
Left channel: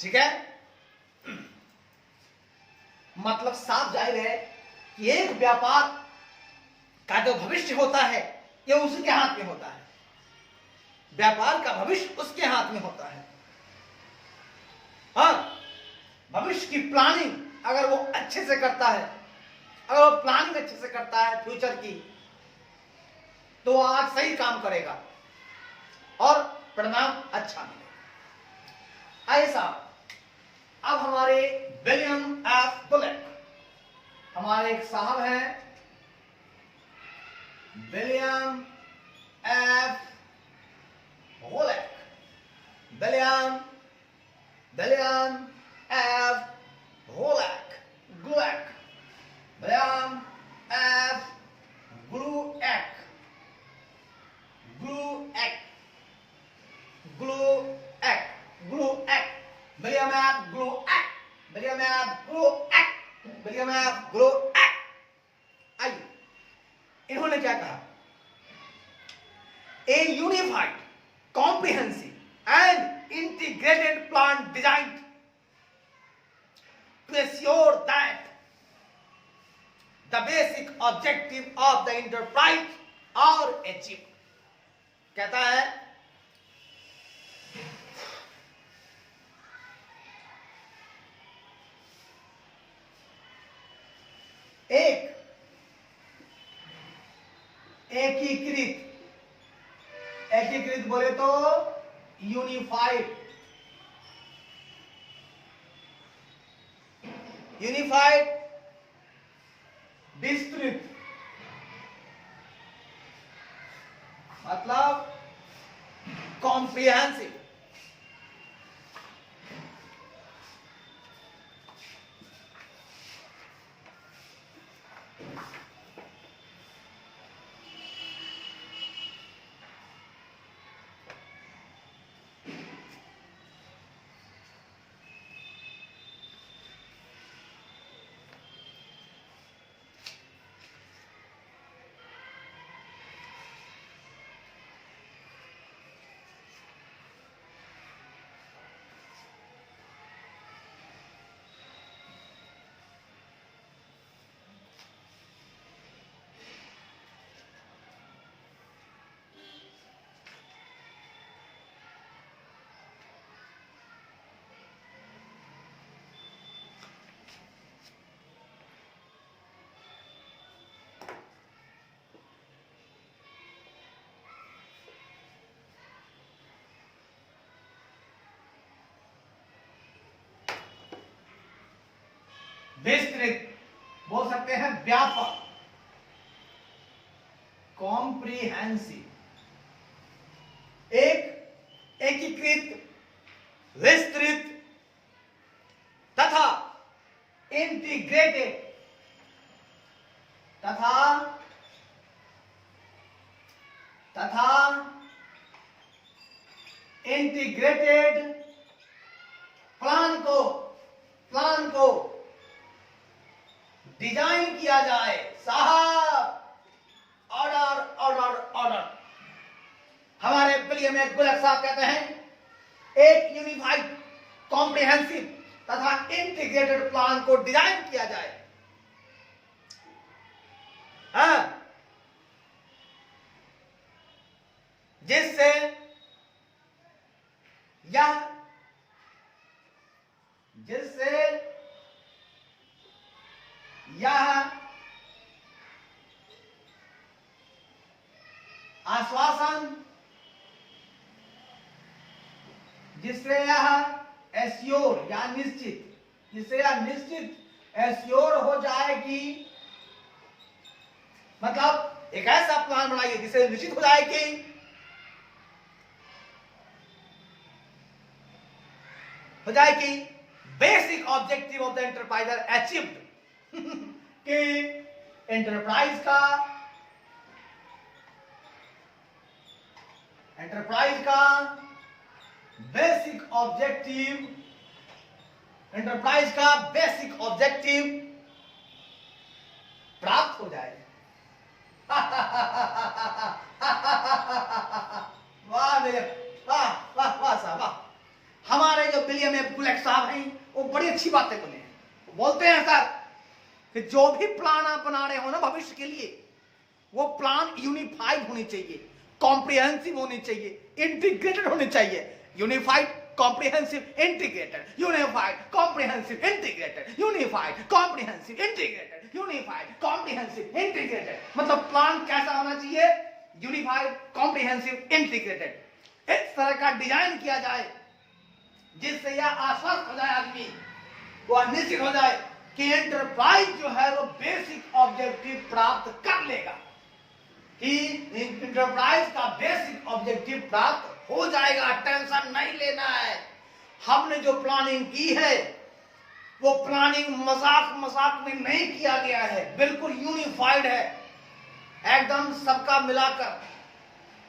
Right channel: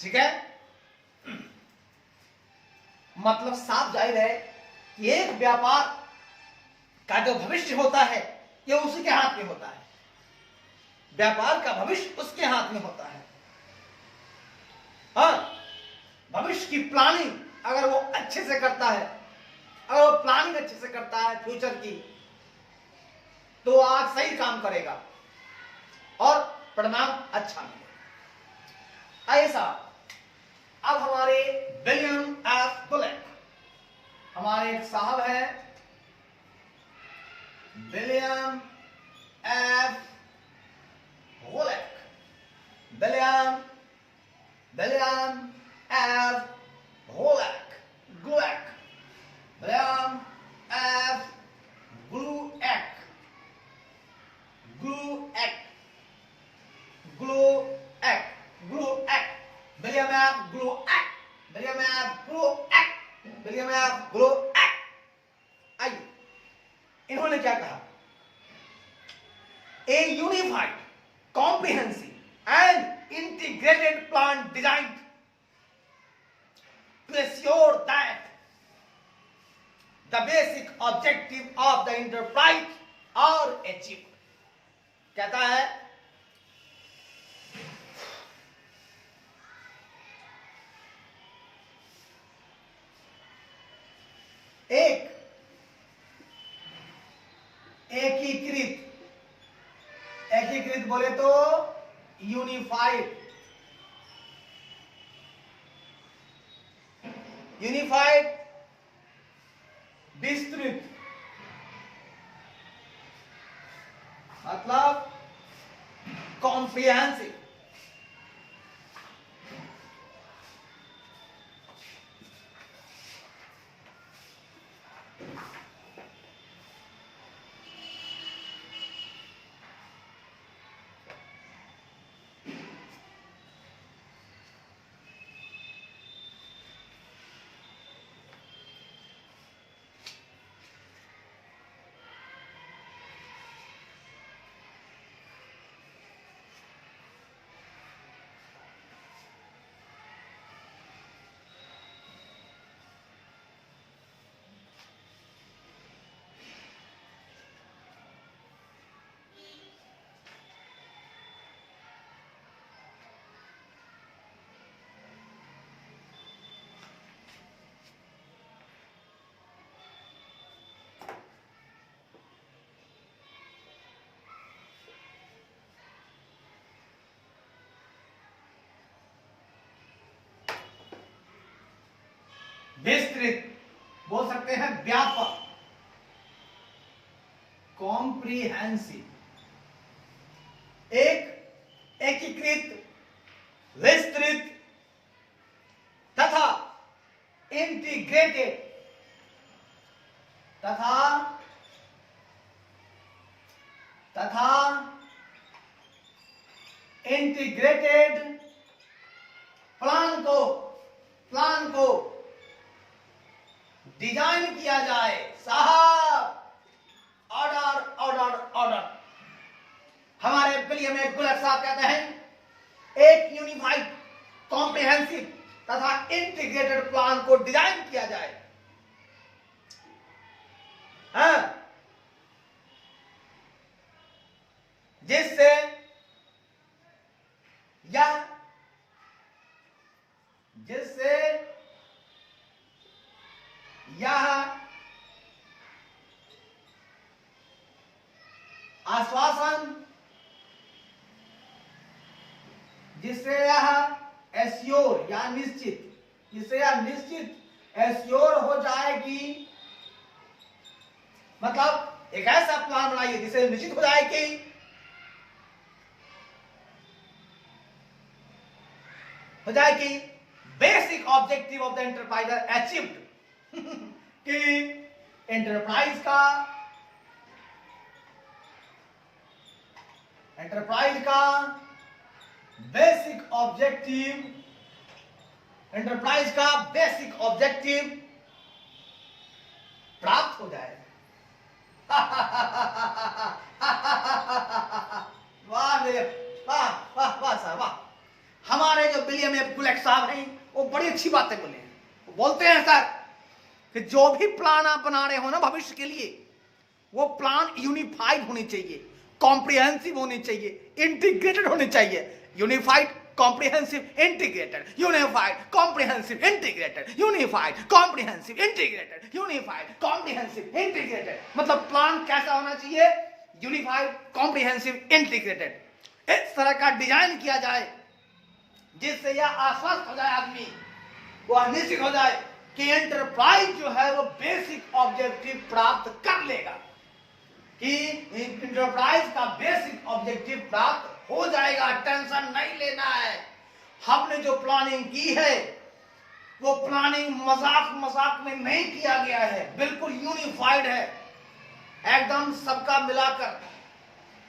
ठीक है, मतलब साफ जाहिर है कि एक व्यापार का जो भविष्य होता है यह उसके हाथ में होता है, व्यापार का भविष्य उसके हाथ में होता है। और भविष्य की प्लानिंग अगर वो अच्छे से करता है, अगर वो प्लानिंग अच्छे से करता है फ्यूचर की, तो आज सही काम करेगा और परिणाम अच्छा मिलेगा। ऐसा अब हमारे विलियम एफ बुलेट, हमारे एक साहब हैं विलियम एफ बुलेट, विलियम एफ बुलेट, Glueck, William F Glueck, Glueck, Glueck, Glueck, William F Glueck, William F Glueck, William F Glueck. आइए, इन्होंने क्या कहा? A unified, comprehensive and integrated plan designed to assure that the basic objective of the enterprise are achieved. कहता है एक एकीकृत, एकीकृत बोले तो यूनिफाइड, यूनिफाइड, विस्तृत, मतलब कॉम्प्रिहेंसिव, विस्तृत बोल सकते हैं, व्यापक, कॉम्प्रिहेंसिव, एक एकीकृत, विस्तृत तथा इंटीग्रेटेड, तथा इंटीग्रेटेड प्लान को डिजाइन किया जाए। साहब, ऑर्डर ऑर्डर ऑर्डर। हमारे विलियम एफ बुलेट साहब कहते हैं एक यूनिफाइड, कॉम्प्रिहेंसिव तथा इंटीग्रेटेड प्लान को डिजाइन किया जाए, जिससे यह आश्वासन, जिससे यह एश्योर या निश्चित, जिससे यह निश्चित एश्योर हो जाएगी, मतलब एक ऐसा प्लान बनाइए जिससे निश्चित हो जाए कि basic objective of the enterprise are achieved, कि एंटरप्राइज का बेसिक ऑब्जेक्टिव प्राप्त हो जाए। वाह मेरे, वाह वाह वाह साहब वाह। हमारे जो विलियम एफ ब्लेक साहब हैं, वो बड़ी अच्छी बातें बोले। बोलते हैं सर कि जो भी प्लान आप बना रहे हो ना भविष्य के लिए, वो प्लान यूनिफाइड होनी चाहिए, कॉम्प्रिहेंसिव होनी चाहिए, इंटीग्रेटेड होनी चाहिए। Unified, comprehensive, integrated, unified, comprehensive, integrated, unified, comprehensive, integrated, unified, comprehensive, integrated. मतलब प्लान कैसा होना चाहिए? Unified, comprehensive, integrated. इस तरह का डिजाइन किया जाए जिससे यह आश्वस्त हो जाए आदमी, वो निश्चित हो जाए कि एंटरप्राइज जो है वो बेसिक ऑब्जेक्टिव प्राप्त कर लेगा, कि एंटरप्राइज का बेसिक ऑब्जेक्टिव प्राप्त हो जाएगा। टेंशन नहीं लेना है। हमने जो प्लानिंग की है वो प्लानिंग मजाक मजाक में नहीं किया गया है, बिल्कुल यूनिफाइड है, एकदम सबका मिलाकर,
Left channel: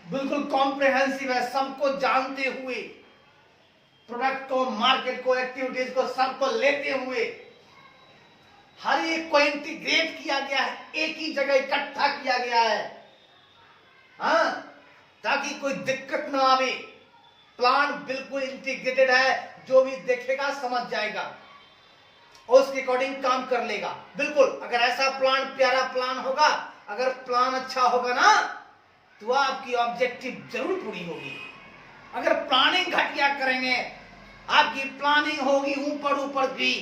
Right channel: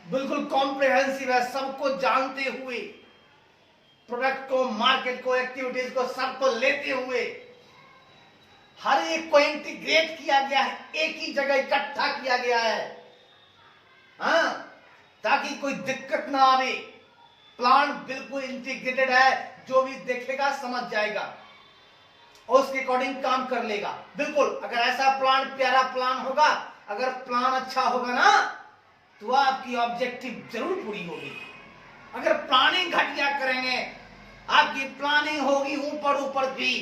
बिल्कुल कॉम्प्रिहेंसिव है, सबको जानते हुए, प्रोडक्ट को, मार्केट को, एक्टिविटीज को, सबको लेते हुए हर एक को इंटीग्रेट किया गया है, एक ही जगह इकट्ठा किया गया है, हाँ, ताकि कोई दिक्कत ना आवे। प्लान बिल्कुल इंटीग्रेटेड है, जो भी देखेगा समझ जाएगा और उसके अकॉर्डिंग काम कर लेगा। बिल्कुल, अगर ऐसा प्लान, प्यारा प्लान होगा, अगर प्लान अच्छा होगा ना, तो आपकी ऑब्जेक्टिव जरूर पूरी होगी। अगर प्लानिंग घटिया करेंगे, आपकी प्लानिंग होगी ऊपर ऊपर की,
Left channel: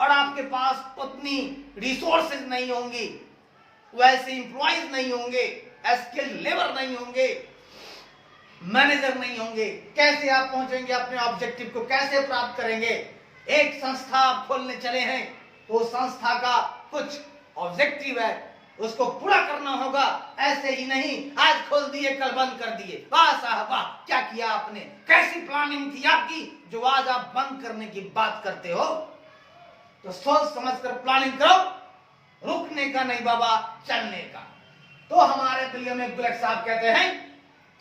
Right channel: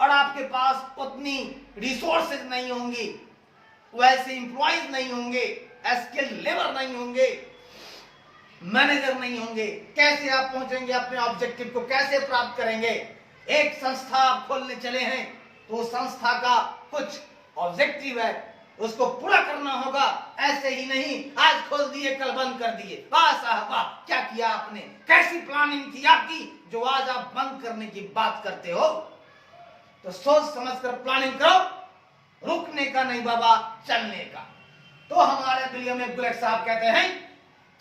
और आपके पास उतनी रिसोर्सेज नहीं होंगी, वैसे इंप्लॉइज नहीं होंगे, स्किल लेबर नहीं होंगे, मैनेजर नहीं होंगे, कैसे आप पहुंचेंगे अपने ऑब्जेक्टिव को, कैसे प्राप्त करेंगे? एक संस्था आप खोलने चले हैं तो संस्था का कुछ ऑब्जेक्टिव है, उसको पूरा करना होगा। ऐसे ही नहीं आज खोल दिए कल बंद कर दिए, वाह साहब वाह, क्या किया आपने, कैसी प्लानिंग थी आपकी, जो आज आप बंद करने की बात करते हो। तो सोच समझकर प्लानिंग करो, रुकने का नहीं बाबा, चलने का। तो हमारे विलियम एफ ब्लेक साहब कहते हैं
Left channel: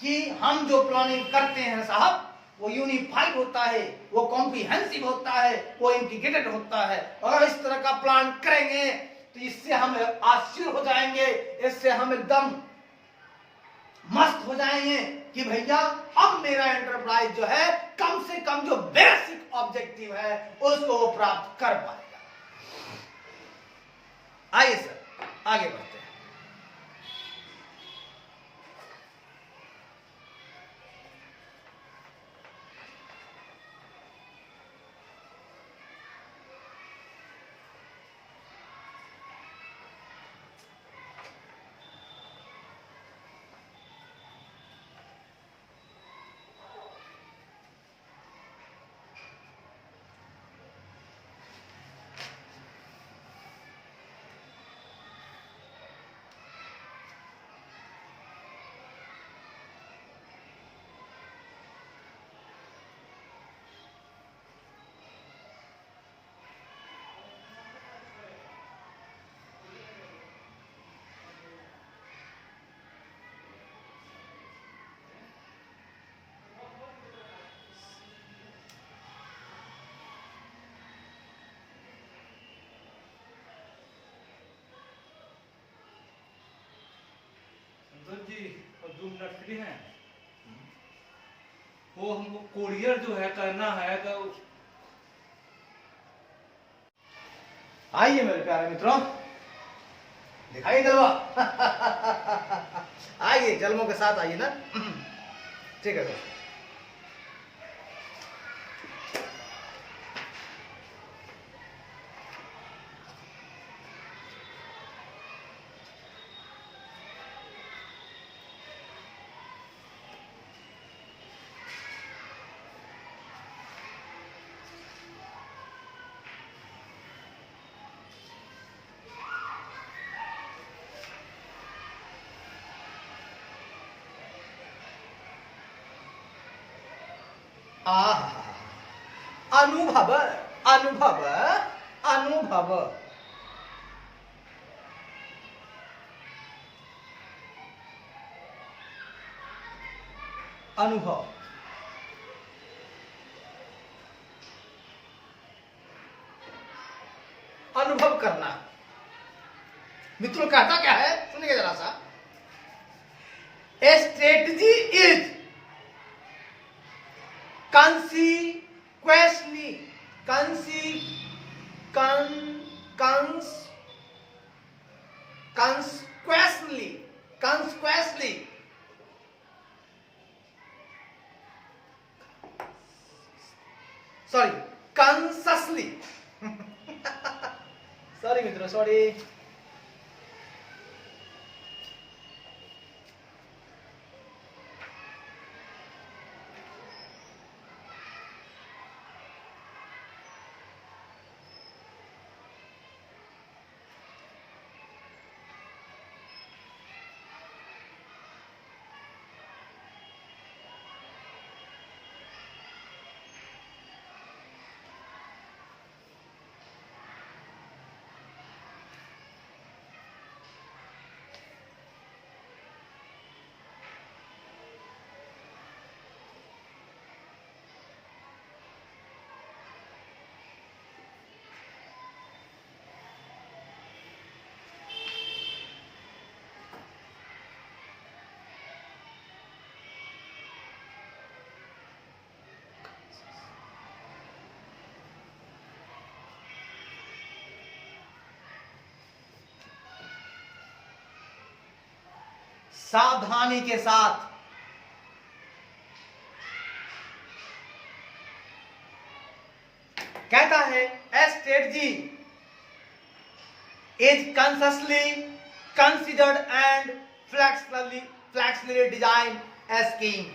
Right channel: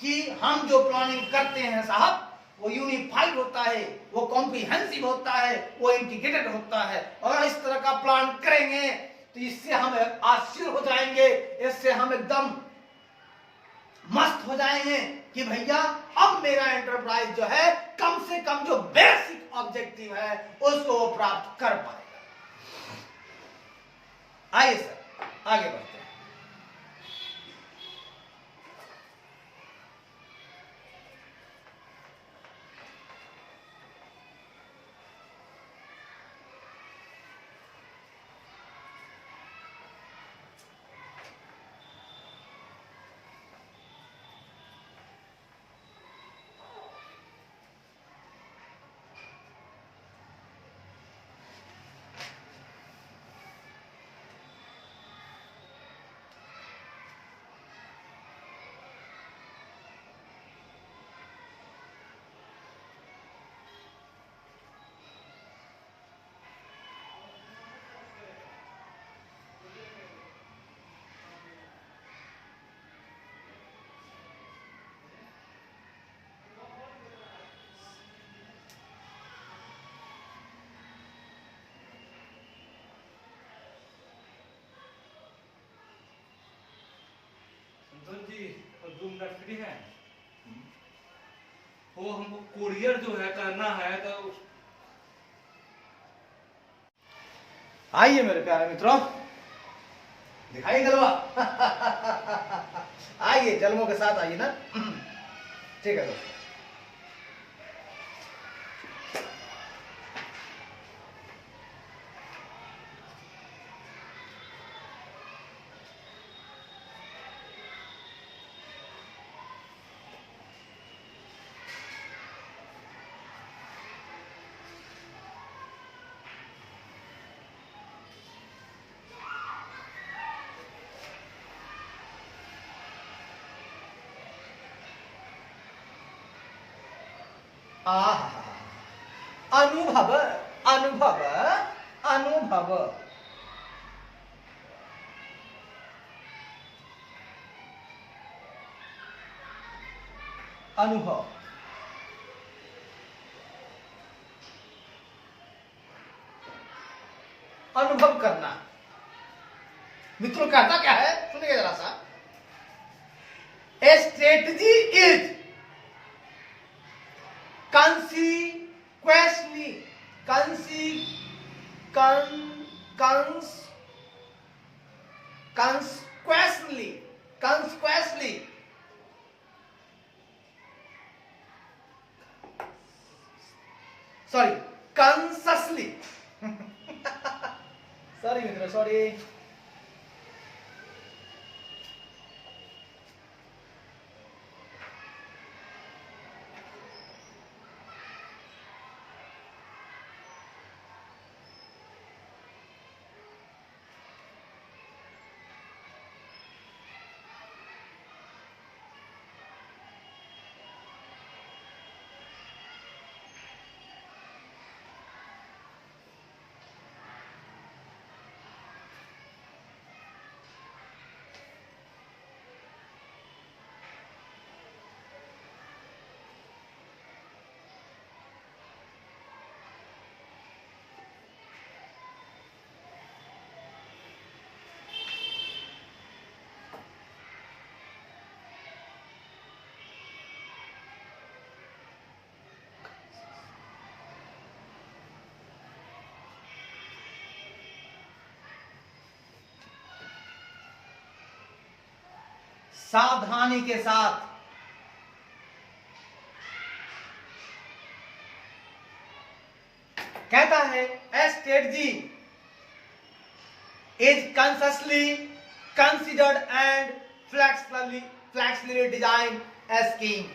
कि हम जो प्लानिंग करते हैं साहब, वो यूनिफाइड होता है, वो कॉम्प्रिहेंसिव होता है, वो इंटीग्रेटेड होता है। और इस तरह का प्लान करेंगे तो इससे हम आश्चर्य हो जाएंगे, इससे हम एकदम मस्त हो जाएंगे कि भैया अब मेरा एंटरप्राइज जो है कम से कम जो बेसिक ऑब्जेक्टिव है उसको वो प्राप्त कर पाएगा। आइए सर आगे बढ़ते हैं। जी 2 मिनट फ्री हैं, वो हमको कोरियर जो है करना है तो आइए मेरे प्यारे मित्रों, दिखाई जलवा आइए जलमों के साथ आइए ना, ठीक है दोस्तों। अनुभव अनुभव अनुभव अनुभव अनुभव करना। मित्रों कहता क्या है, सुनिए जरा सा। ए strategy is consequently, consequently, sorry, consciously. Sorry मित्रों, sorry. सावधानी के साथ कहता है a strategy is consciously considered and flexibly designed as scheme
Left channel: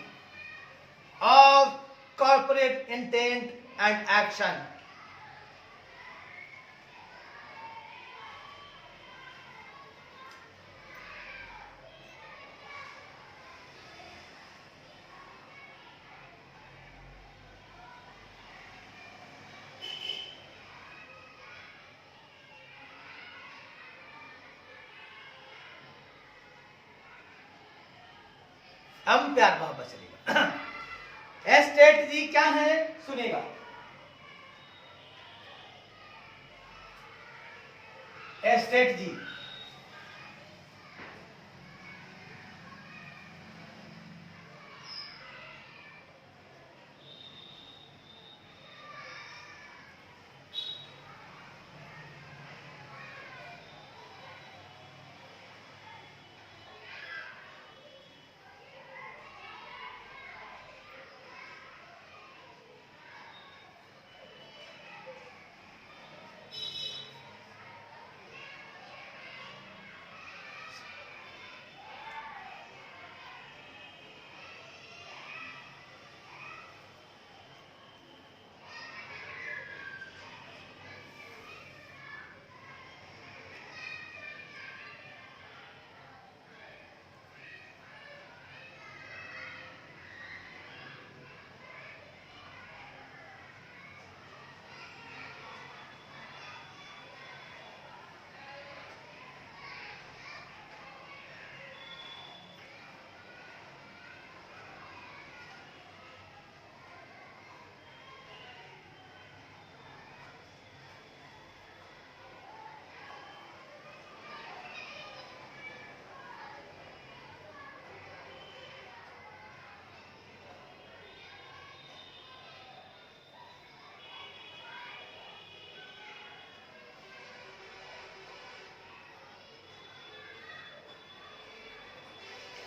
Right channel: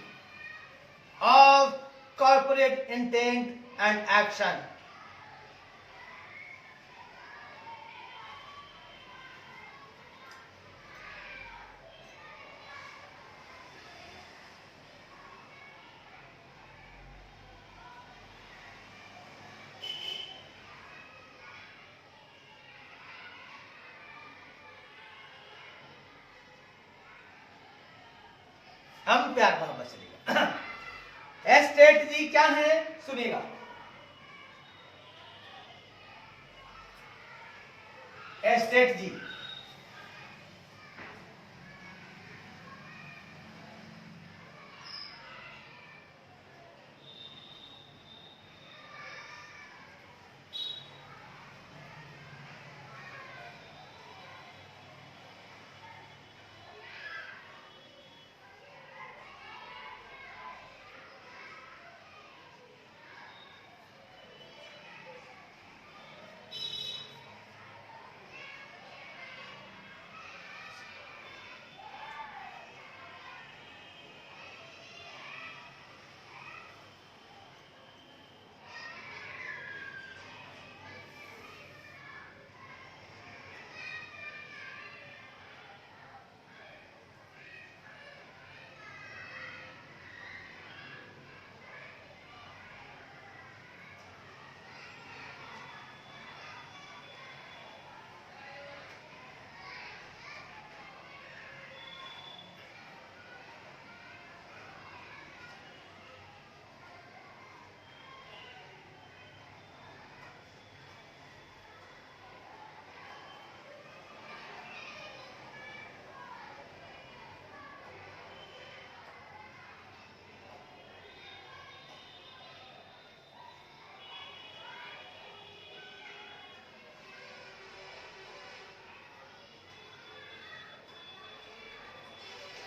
of corporate intent and action. अब प्यार मोहब्बत चलेगा। स्ट्रेटजी क्या है सुनेगा। स्ट्रेटजी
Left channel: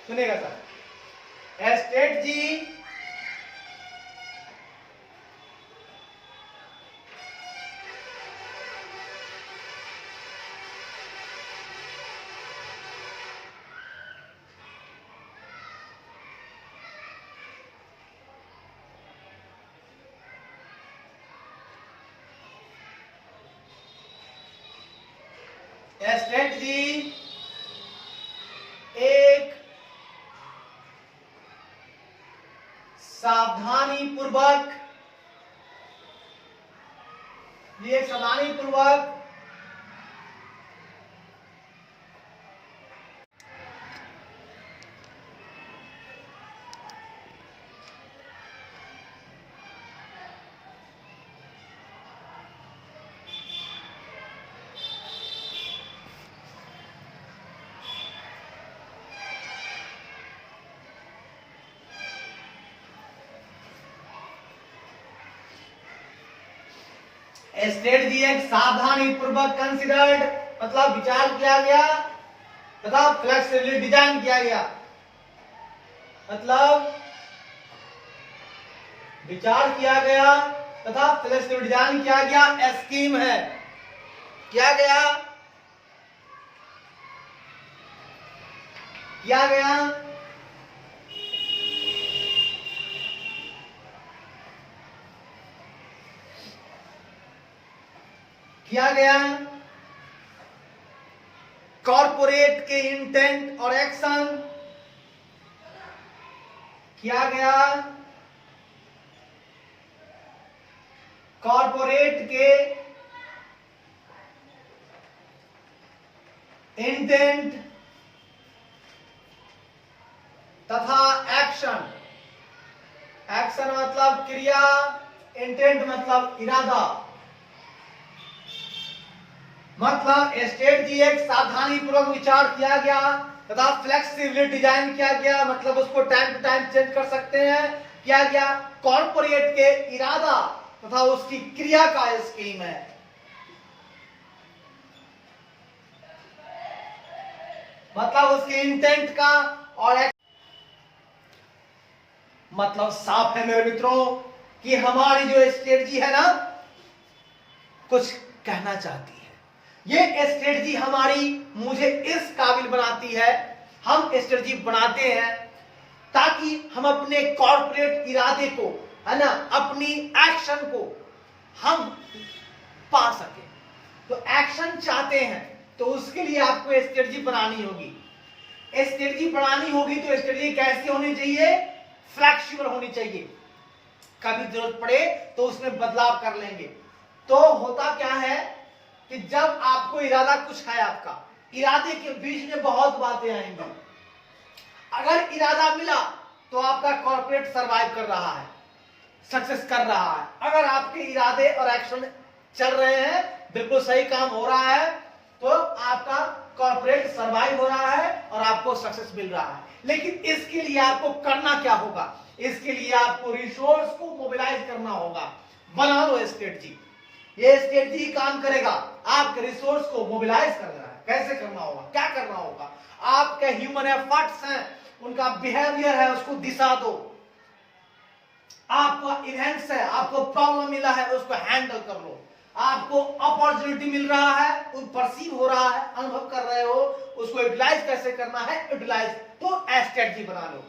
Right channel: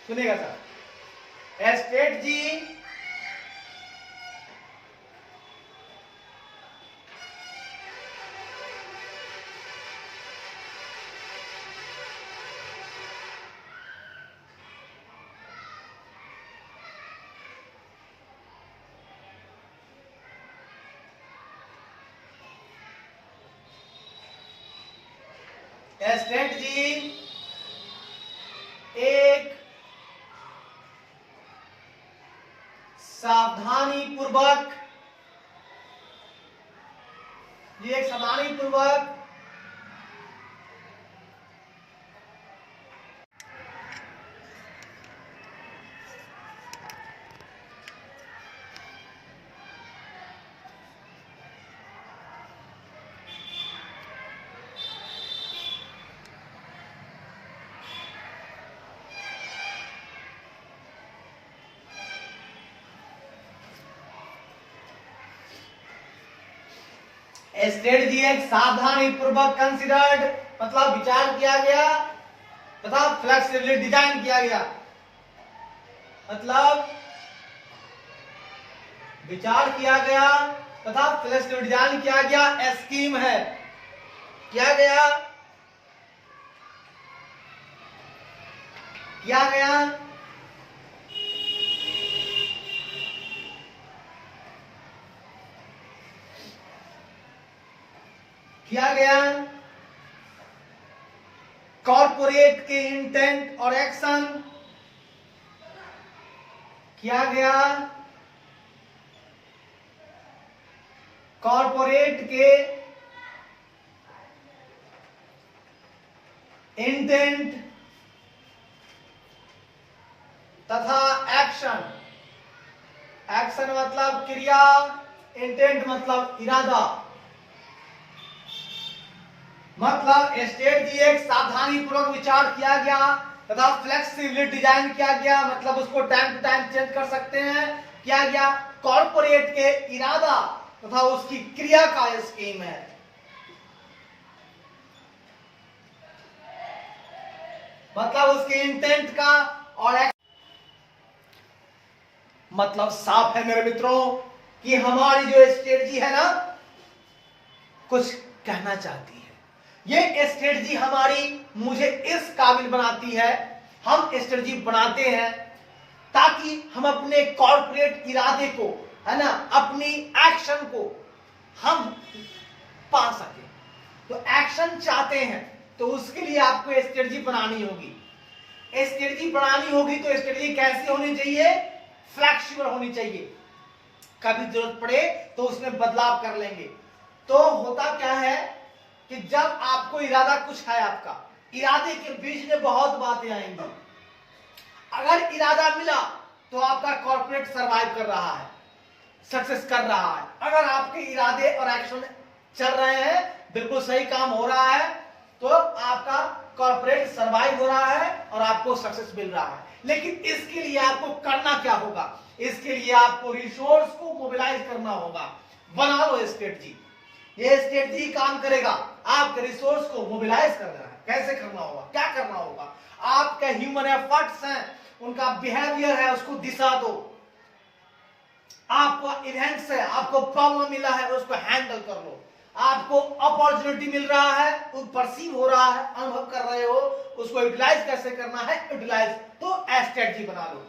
सुनेगा सर। स्ट्रेटजी स्ट्रेटजी एक सावधानी पूर्वक स्ट्रेटजी एक सावधानी पूर्वक कंसिडर्ड मतलब विचार किया गया तथा फ्लेक्सिबली डिजाइन किया गया, मतलब विचार किया गया तथा फ्लेक्सिबल डिजाइन किया गया स्कीम है, किया गया कॉर्पोरेट के इंटेंट और एक्शन, किया गया कॉर्पोरेट के इंटेंट तथा एक्शन, एक्शन मतलब क्रिया, इंटेंट मतलब इरादा, मतलब स्ट्रेटजी एक सावधानी पूर्वक विचार किया गया तथा फ्लेक्सिबली डिजाइन किया गया, मतलब उसको टाइम टू टाइम चेंज कर सकते हैं, किया गया कॉर्पोरेट के इरादा तथा उसकी क्रिया का स्कीम है। मतलब उसके इंटेंट का और मतलब साफ है मेरे मित्रों कि हमारी जो स्ट्रेटजी है ना कुछ कहना चाहती है। ये स्ट्रेटजी हमारी मुझे इस काबिल बनाती है, हम स्ट्रेटजी बनाते हैं ताकि हम अपने कॉर्पोरेट इरादे को है ना, अपनी एक्शन को हम पा सके। तो एक्शन चाहते हैं तो उसके लिए आपको स्ट्रेटजी बनानी होगी। स्ट्रेटजी बनानी होगी तो स्ट्रेटजी कैसी होनी चाहिए? फ्लेक्सिबल होनी चाहिए, कभी जरूरत पड़े तो उसमें बदलाव कर लेंगे। तो होता क्या है कि जब आपको इरादा कुछ है, आपका इरादे के बीच में बहुत बातें आएंगी। अगर इरादा मिला तो आपका कॉर्पोरेट सरवाइव कर रहा है, सक्सेस कर रहा है। अगर आपके इरादे और एक्शन चल रहे हैं, बिल्कुल सही काम हो रहा है, तो आपका कॉर्पोरेट सरवाइव हो रहा है और आपको सक्सेस मिल रहा है। लेकिन इसके लिए आपको करना क्या होगा? इसके लिए आपको रिसोर्स को मोबिलाइज करना होगा। बना लो स्ट्रेटजी, ये स्ट्रेटजी काम करेगा। आपके रिसोर्स को मोबिलाइज करना है, कैसे करना होगा, क्या करना होगा? आपके ह्यूमन एफर्ट्स हैं, उनका बिहेवियर है, उसको दिशा दो। आपका इवेंट्स है, आपको प्रॉब्लम मिला है, उसको हैंडल कर लो। आपको अपॉर्चुनिटी मिल रहा है, परसीव हो रहा है, अनुभव कर रहे हो, उसको यूटिलाइज कैसे करना है, यूटिलाइज तो स्ट्रेटजी बना लो।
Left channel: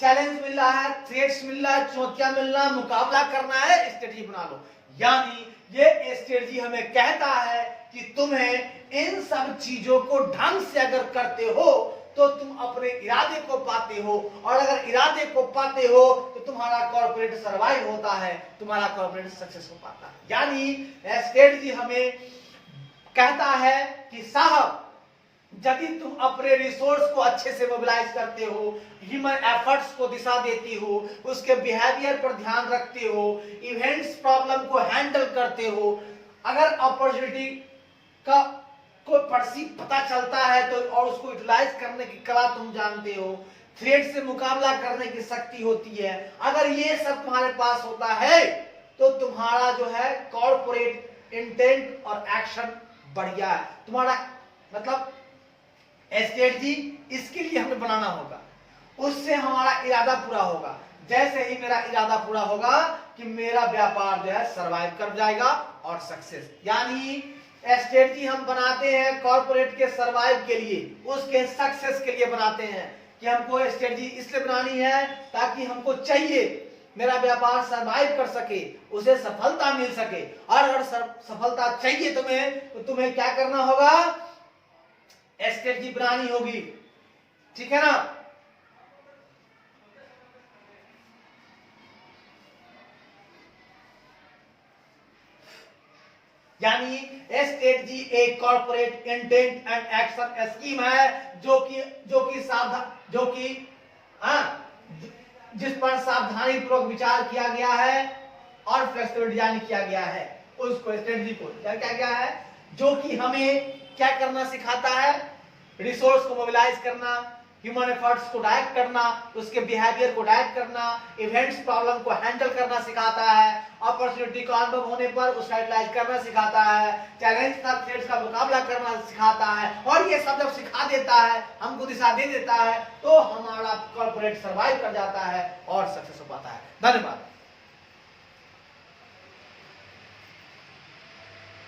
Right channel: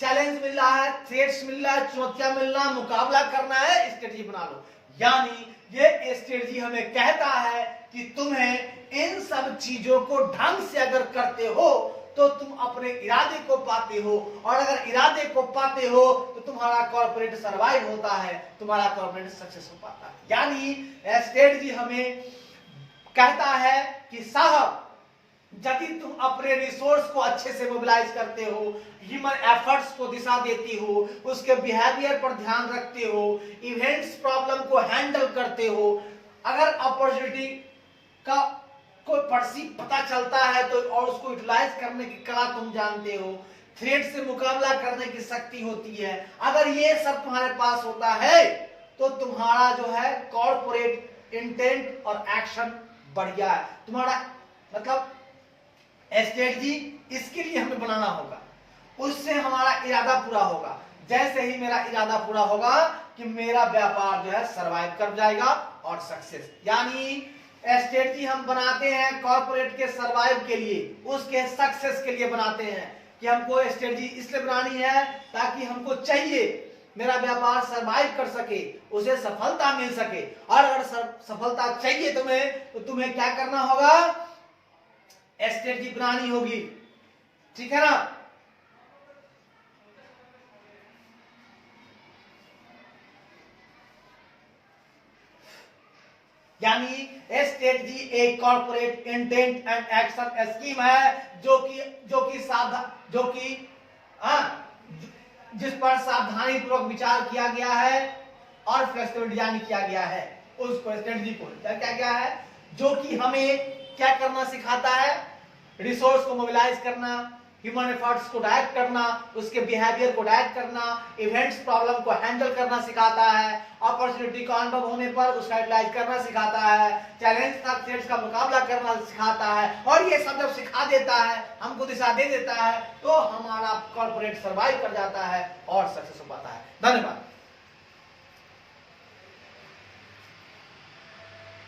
चैलेंज मिल रहा है, थ्रेट्स मिल रहा है, चुनौतियां मिल रहा है, मुकाबला करना है, स्ट्रेटजी बना लो। यानी ये स्ट्रेटजी हमें कहता है कि तुम्हें इन सब चीजों को ढंग से अगर करते हो तो तुम अपने इरादे को पाते हो, और अगर इरादे को पाते हो तो तुम्हारा कॉर्पोरेट सरवाइव होता है, तुम्हारा कॉर्पोरेट सक्सेस हो पाता है। यानी स्ट्रेटजी हमें कहता है कि साहब, यदि तुम अपने रिसोर्स को अच्छे से मोबिलाइज करते हो, ह्यूमन एफर्ट्स को दिशा देती हो, उसके बिहेवियर पर ध्यान रखते हो, इवेंट्स प्रॉब्लम को हैंडल करते हो, अगर अपॉर्चुनिटी का कोई परसीव पता चलता है तो और उसको यूटिलाइज करने की कला तुम जानते हो, थ्रेट से मुकाबला करने की शक्ति होती है, अगर ये सब तुम्हारे पास होता है तो तुम्हारा जो है कॉर्पोरेट इंटेंट और एक्शन बढ़िया है। तुम्हारा मतलब स्ट्रेटजी इसके लिए हमें बनाना होगा, उससे हमारा इरादा पूरा होगा। जैसे ही मेरा इरादा पूरा होगा कि मेरा व्यापार जो है सरवाइव कर जाएगा और सक्सेस, यानी स्ट्रेटजी हम बनाते हैं कॉर्पोरेट के सरवाइव के लिए, उसके सक्सेस के लिए बनाते हैं कि हमको स्ट्रेटजी इसलिए बनानी है ताकि हमको चाहिए मेरा व्यापार सरवाइव कर सके, उसे सफलता मिल सके। और अगर सफलता चाहिए तुम्हें तो तुम्हें क्या करना होगा? स्ट्रेटजी बनानी होगी, ठीक है ना? यानी स्ट्रेटजी एक corporate intent and action scheme है जो कि जिस पर सावधानी पूर्वक विचार किया गया है और फ्लेक्सिबल डिजाइन किया गया है। उसको स्ट्रेटजी को क्या गया है, जो कि हमें क्या करना सिखाता है? रिसोर्स को मोबिलाइज करना, ह्यूमन एफर्ट्स को डायरेक्ट करना, उसके बिहेवियर को डायरेक्ट करना, इवेंट्स प्रॉब्लम को हैंडल करना सिखाता है, अपॉर्चुनिटी का अनुभव होने पर उसका यूटिलाइज करना सिखाता है, चैलेंज का थ्रेट्स का मुकाबला करना सिखाता है। और ये सब जब सिखा देता है, हमको दिशा दे देता है, तो हमारा कॉर्पोरेट सर्वाइव कर जाता है और सक्सेस हो पाता है। धन्यवाद।